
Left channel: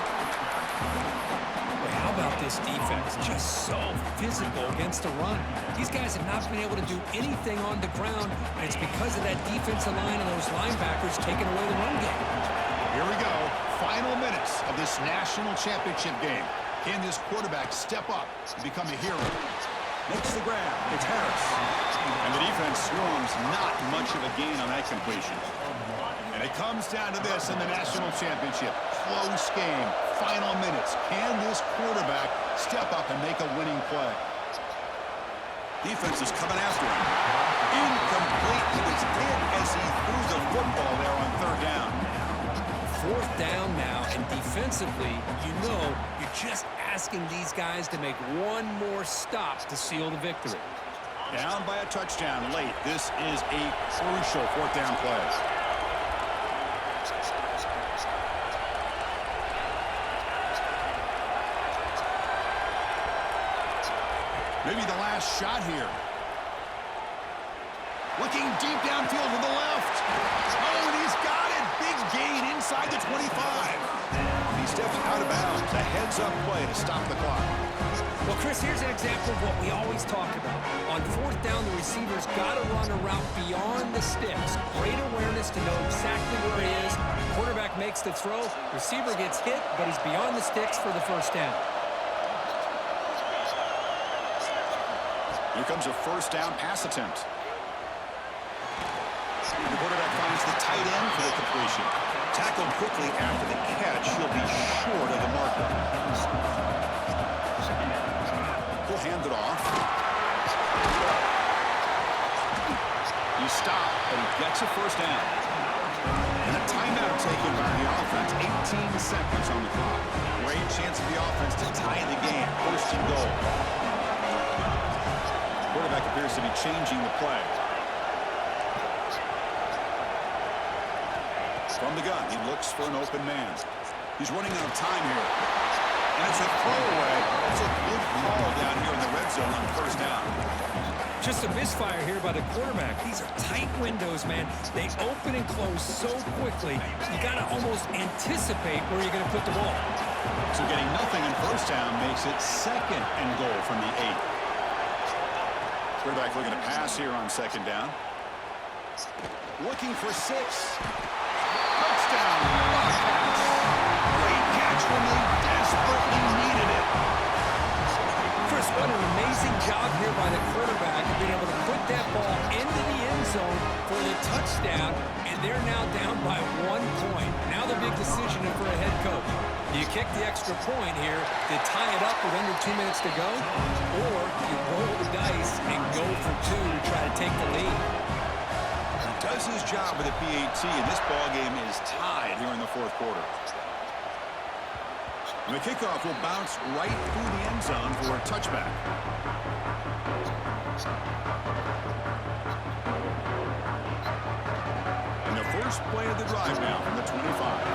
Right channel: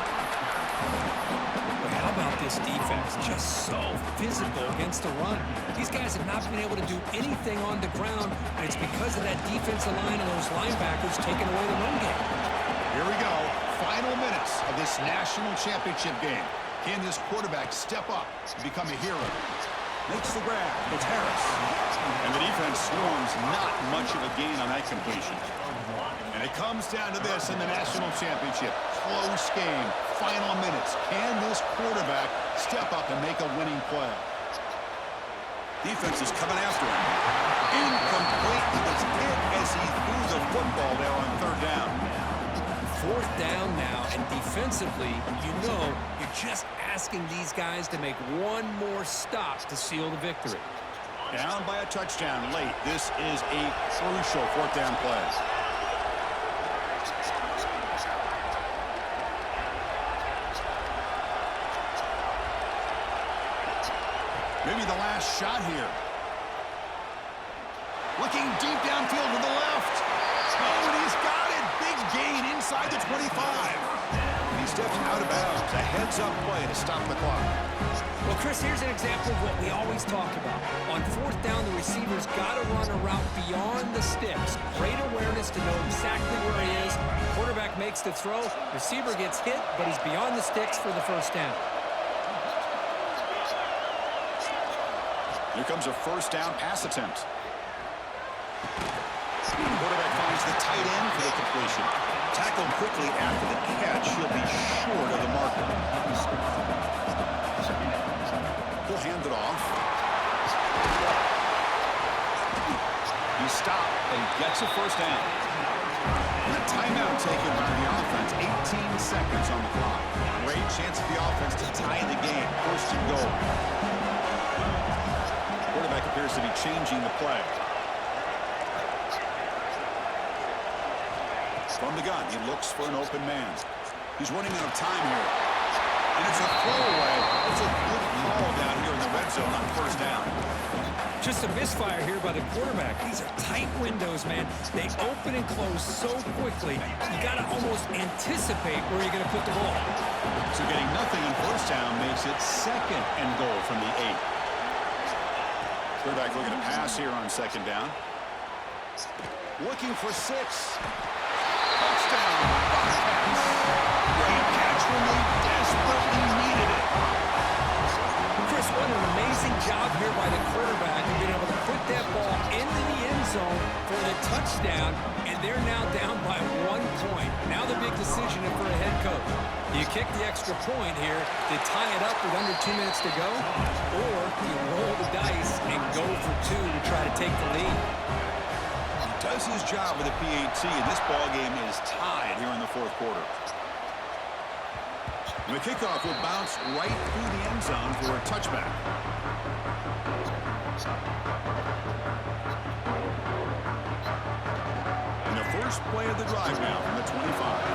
Boy, how about this defense? Just so physical against the run. These guys have not been able to do anything on the ground, and it's because of that defensive line and those linebackers taking away the run game. Here we go. Final minutes of this national championship game. Can this quarterback step up and become a hero? Makes the grab. It's Harris. And the defense swarms, not much of a gain on that completion. And it comes down to this in the national championship. Close game. Final minutes. Can this quarterback step up and make a winning play? Defense is coming after him. Incomplete. He was hit as he threw the football there on third down. Fourth down now, and defensively, you know you're just asking these guys to make one more stop to seal the victory. Down by a touchdown late. This is a crucial fourth down play. Maybe the last shot here. Looking deep downfield to the left. Oh, and he's got it. Big gain inside the 25. He steps out of bounds. A heads-up play to stop the clock. Well, Chris, here's an example of what we always talk about. On fourth down, the receiver's got to run a route beyond the sticks. Great awareness to know exactly where he is. Quarterback makes the throw. Receiver gets hit, but he's beyond the sticks for the first down. Here comes a first down pass attempt. And the quarterback finds the tight end for the completion. Tackled quickly after the catch. He'll be short of the marker. He'll hand it off. He's stopped, but he gets a first down. And a timeout taken by the offense. 18 seconds on the clock. Great chance for the offense to tie the game. First and goal. Quarterback appears to be changing the play. From the gun, he looks for an open man. He's running out of time here. And it's a throwaway. That's a good call down here in the red zone on first down. Just a misfire here by the quarterback. These are tight windows, man. They open and close so quickly. You got to almost anticipate where you're going to put the ball. So getting nothing on first down makes it second and goal from the 8. Quarterback looking to pass here on second down. Looking for 6. Touchdown, Bobcats. Great catch when they desperately needed it. Chris, what an amazing job here by the quarterback of being able to put that ball into the end zone for the touchdown, and they're now down by 1 point. Now the big decision for a head coach. Do you kick the extra point here to tie it up with under 2 minutes to go, or you roll the dice and go for 2 to try to take the lead? He does his job with the PAT, and this ball game is tied here in the fourth quarter. And the kickoff will bounce right through the end zone for a touchback. And the first play of the drive now from the 25.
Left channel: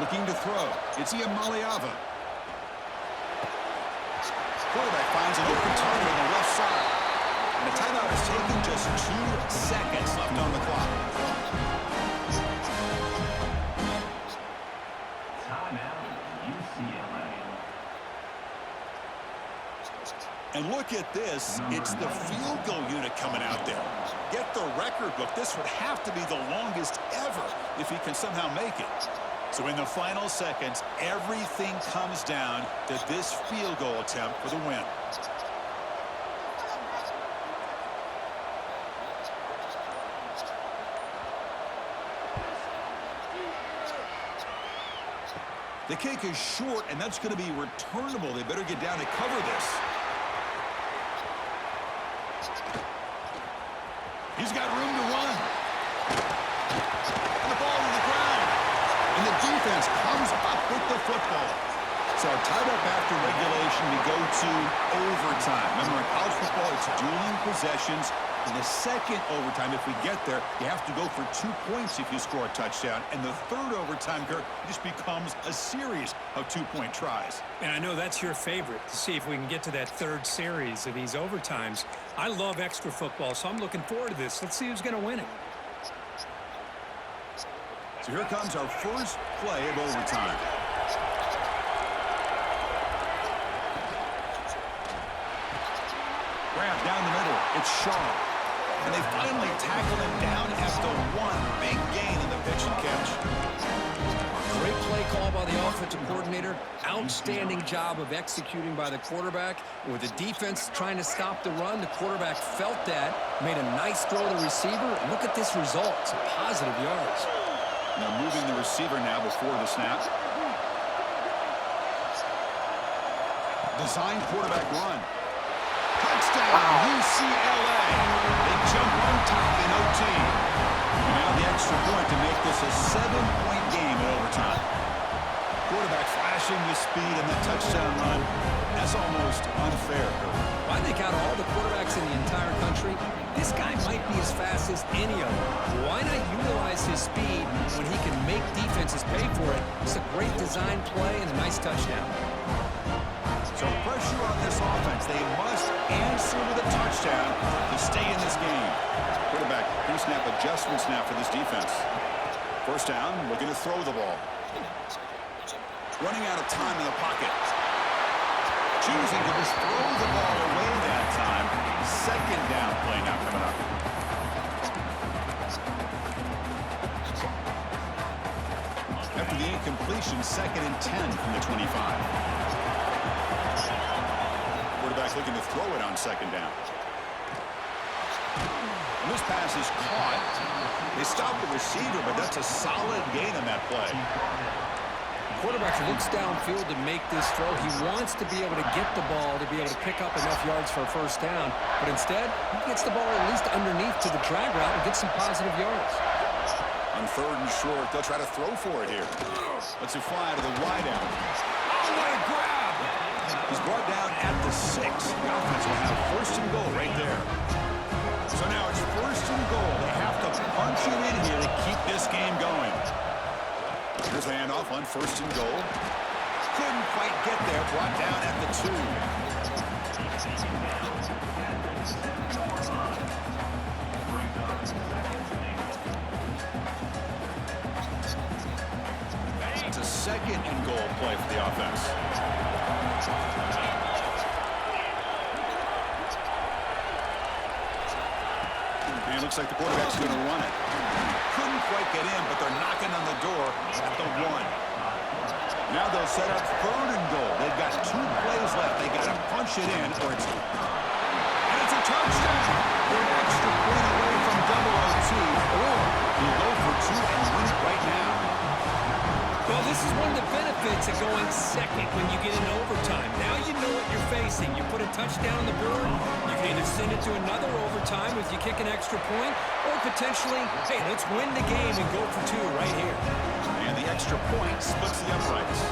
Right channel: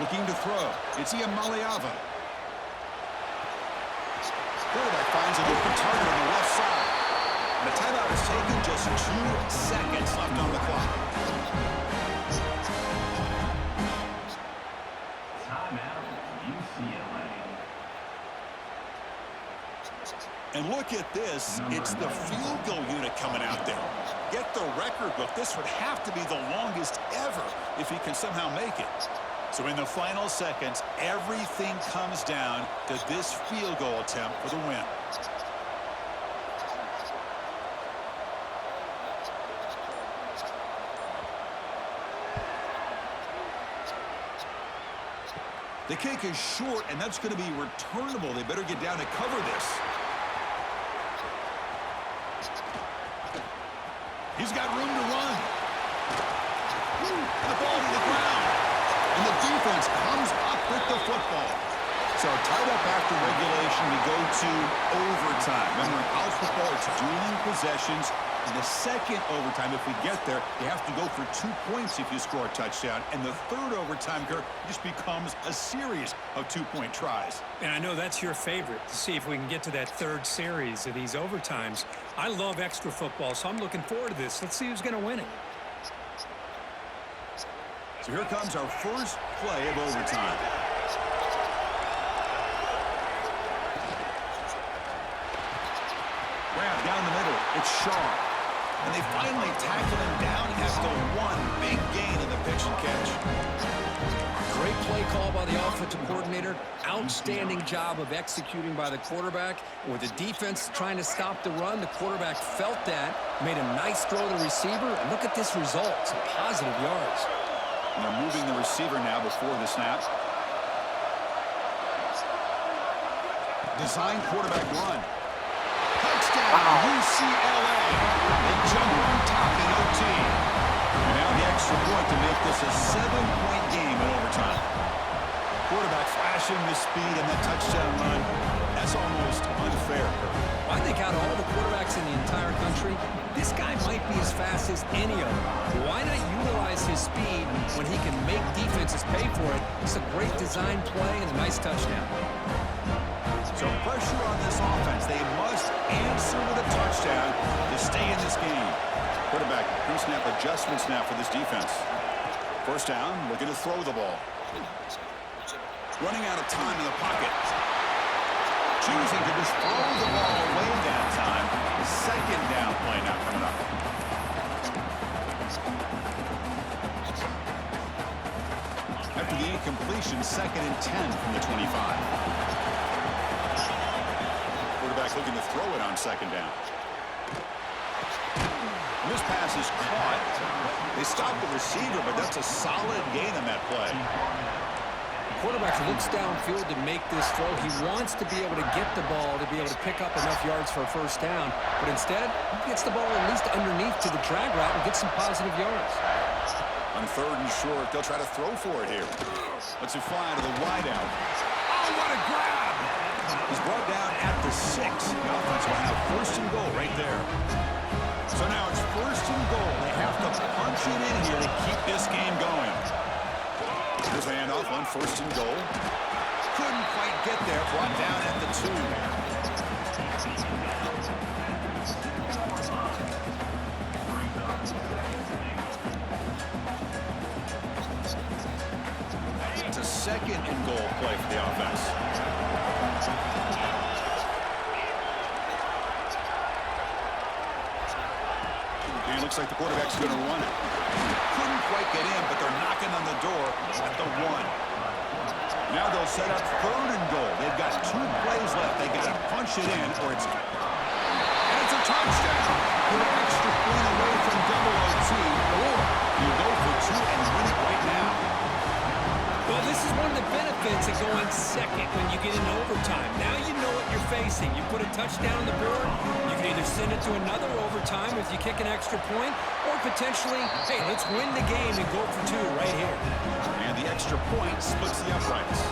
Looking to throw. It's Iamaleava. Quarterback finds an open target on the left side. And a timeout is taken, just 2 seconds left on the clock. Timeout, UCLA. And look at this. It's the field goal unit coming out there. Get the record book. This would have to be the longest ever if he can somehow make it. So in the final seconds, everything comes down to this field goal attempt for the win. The kick is short, and that's going to be returnable. They better get down and cover this. He's got room to run. And the ball to the ground. And the defense comes up with the football. So tied up after regulation, we go to overtime. Remember, in college football, it's dueling possessions. In the second overtime, if we get there, you have to go for 2 points if you score a touchdown. And the third overtime, Kurt, just becomes a series of 2-point tries. And I know that's your favorite, to see if we can get to that third series of these overtimes. I love extra football, so I'm looking forward to this. Let's see who's going to win it. So here comes our first play of overtime. Grab down the middle. It's Shaw. And they finally tackle him down after one big gain in the pitch and catch. Great play call by the offensive coordinator. Outstanding job of executing by the quarterback. With the defense trying to stop the run, the quarterback felt that, made a nice throw to the receiver, and look at this result. Some positive yards. And they're moving the receiver now before the snap. Design quarterback run. Touchdown, UCLA. They jump on top in OT. And now the extra point to make this a 7-point game in overtime. Quarterback flashing the speed and that touchdown run. That's almost unfair, Kirk. I think out of all the quarterbacks in the entire country, this guy might be as fast as any of them. Why not utilize his speed when he can make defenses pay for it? It's a great design play and a nice touchdown. So pressure on this offense. They must answer with a touchdown to stay in this game. Quarterback pre-snap adjustments now for this defense. First down, looking to throw the ball. Running out of time in the pocket. Choosing to just throw the ball away that time. Second down play now coming up. After the incompletion, 2nd and 10 from the 25. Quarterback looking to throw it on 2nd down. And this pass is caught. They stop the receiver, but that's a solid gain on that play. Quarterback looks downfield to make this throw. He wants to be able to get the ball to be able to pick up enough yards for a first down. But instead, he gets the ball at least underneath to the drag route and gets some positive yards. On 3rd and short, they'll try to throw for it here. Let's it fly to the wideout. Oh, what a grab! He's brought down at the 6. The offense will have 1st and goal right there. So now it's 1st and goal. They have to punch it in here to keep this game going. Here's the handoff on 1st and goal. Couldn't quite get there. Brought down at the 2. It's a 2nd and goal play for the offense. And it looks like the quarterback's going to run it. Couldn't quite get in, but they're knocking on the door at the 1. Now they'll set up 3rd and goal. They've got 2 plays left. They got to punch it in, or it's... And it's a touchdown! We're an extra point away from double OT, or you go for 2 and win it right now. Well, this is one of the benefits of going second when you get into overtime. Now you know what you're facing. You put a touchdown on the board, you can either send it to another overtime if you kick an extra point, or potentially, hey, let's win the game and go for 2 right here. And the extra point splits the uprights.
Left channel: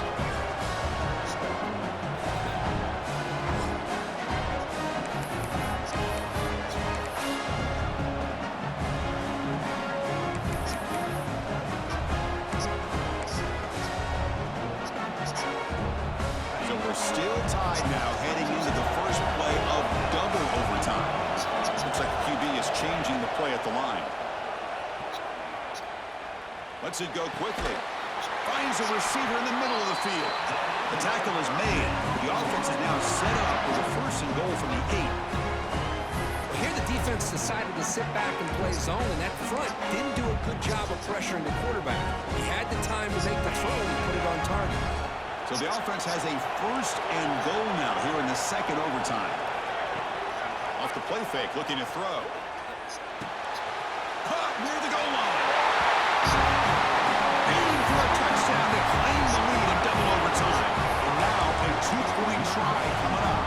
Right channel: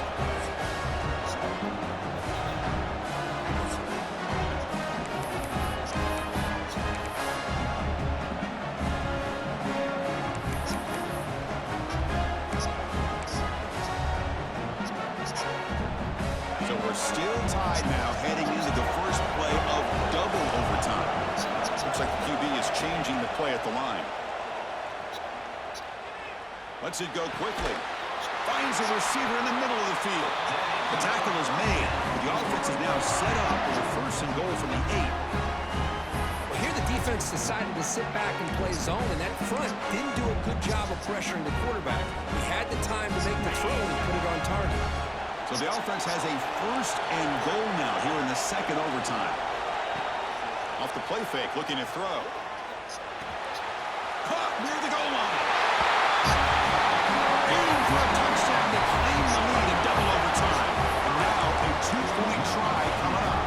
So we're still tied now heading into the first play of double overtime. Looks like the QB is changing the play at the line. Lets it go quickly. Finds a receiver in the middle of the field. The tackle is made. The offense is now set up with a 1st and goal from the 8. Well, here the defense decided to sit back and play zone, and that front didn't do a good job of pressuring the quarterback. He had the time to make the throw and put it on target. So the offense has a 1st and goal now here in the 2nd overtime. Off the play fake, looking to throw. Caught near the goal line. Aiming for a touchdown to claim the lead in double overtime. And now a 2-point try coming up.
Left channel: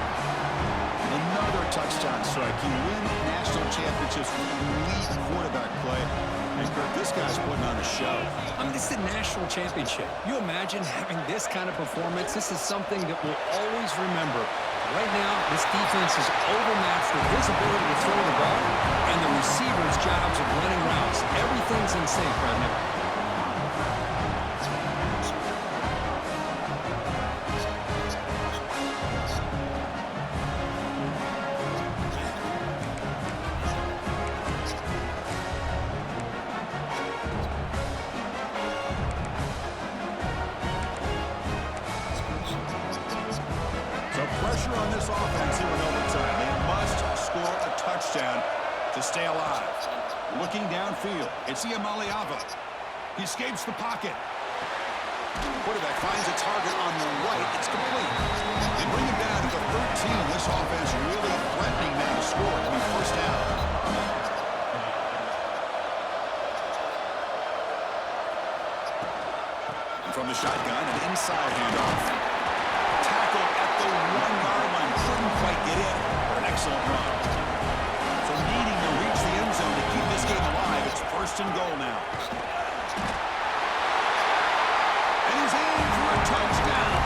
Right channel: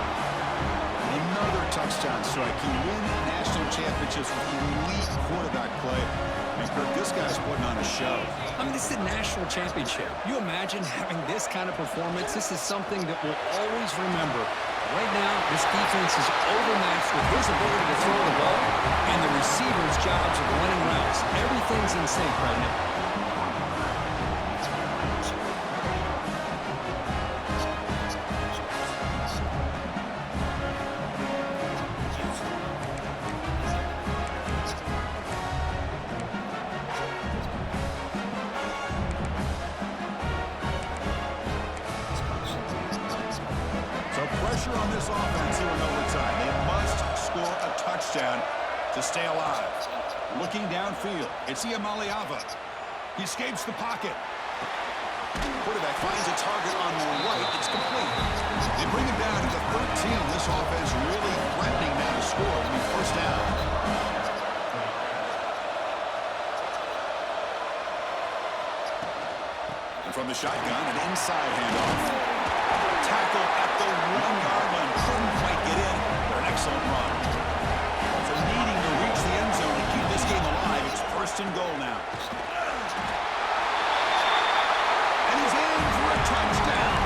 Another touchdown strike. You win national championships with elite quarterback play. And Kirk, this guy's putting on a show. I mean, this is a national championship. You imagine having this kind of performance? This is something that we'll always remember. Right now, this defense is overmatched with his ability to throw the ball and the receivers' jobs of running routes. Everything's in sync right now. So pressure on this offense here in overtime. They must score a touchdown to stay alive. Looking downfield, it's Iamaleava. He escapes the pocket. Quarterback finds a target on the right. It's complete. They bring him down to the 13. This offense really threatening now to score. It'll be first down. And from the shotgun, an inside handoff. Tackled at the 1-yard line. Couldn't quite get in, but an excellent run. So needing to reach the end zone to keep this game alive, it's first and goal now. And he's in for a touchdown.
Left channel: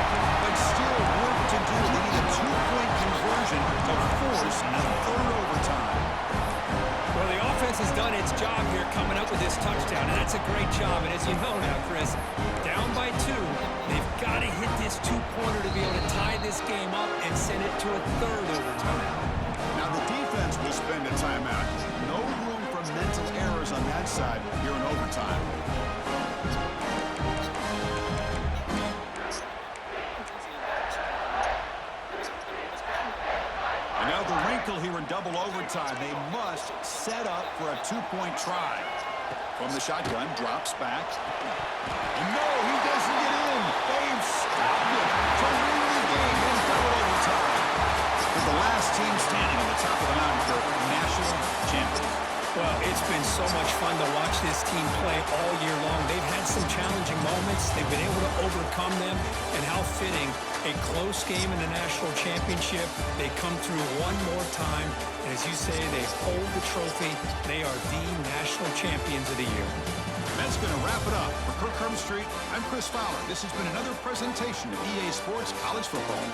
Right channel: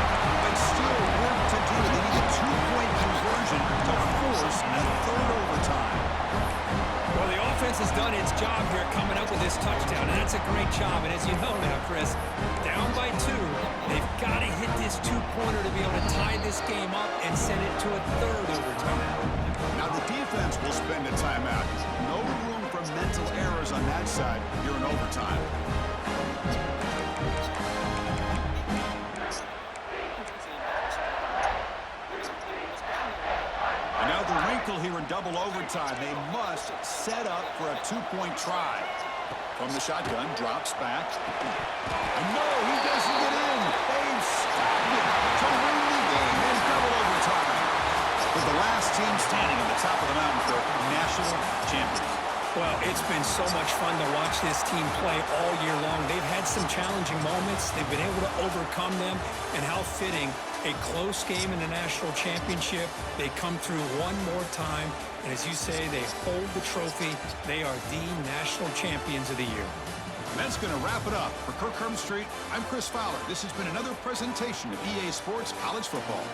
But still work to do. They need a 2-point conversion to force a third overtime. Well, the offense has done its job here coming up with this touchdown, and that's a great job. And as you know now, Chris, down by 2, they've got to hit this 2-pointer to be able to tie this game up and send it to a third overtime. Now the defense will spend a timeout. No room for mental errors on that side here in overtime. And now the wrinkle here in double overtime. They must set up for a 2-point try. From the shotgun, drops back. And no, he doesn't get in. They've stopped him to win the game in double overtime. With the last team standing on the top of the mountain for national champions. Well, it's been so much fun to watch this team play all year long. They've had some challenging moments. They've been able to overcome them. And how fitting, a close game in the national championship. They come through one more time. And as you say, they hold the trophy. They are the national champions of the year. And that's going to wrap it up. For Kirk Herbstreit, I'm Chris Fowler. This has been another presentation of EA Sports College Football.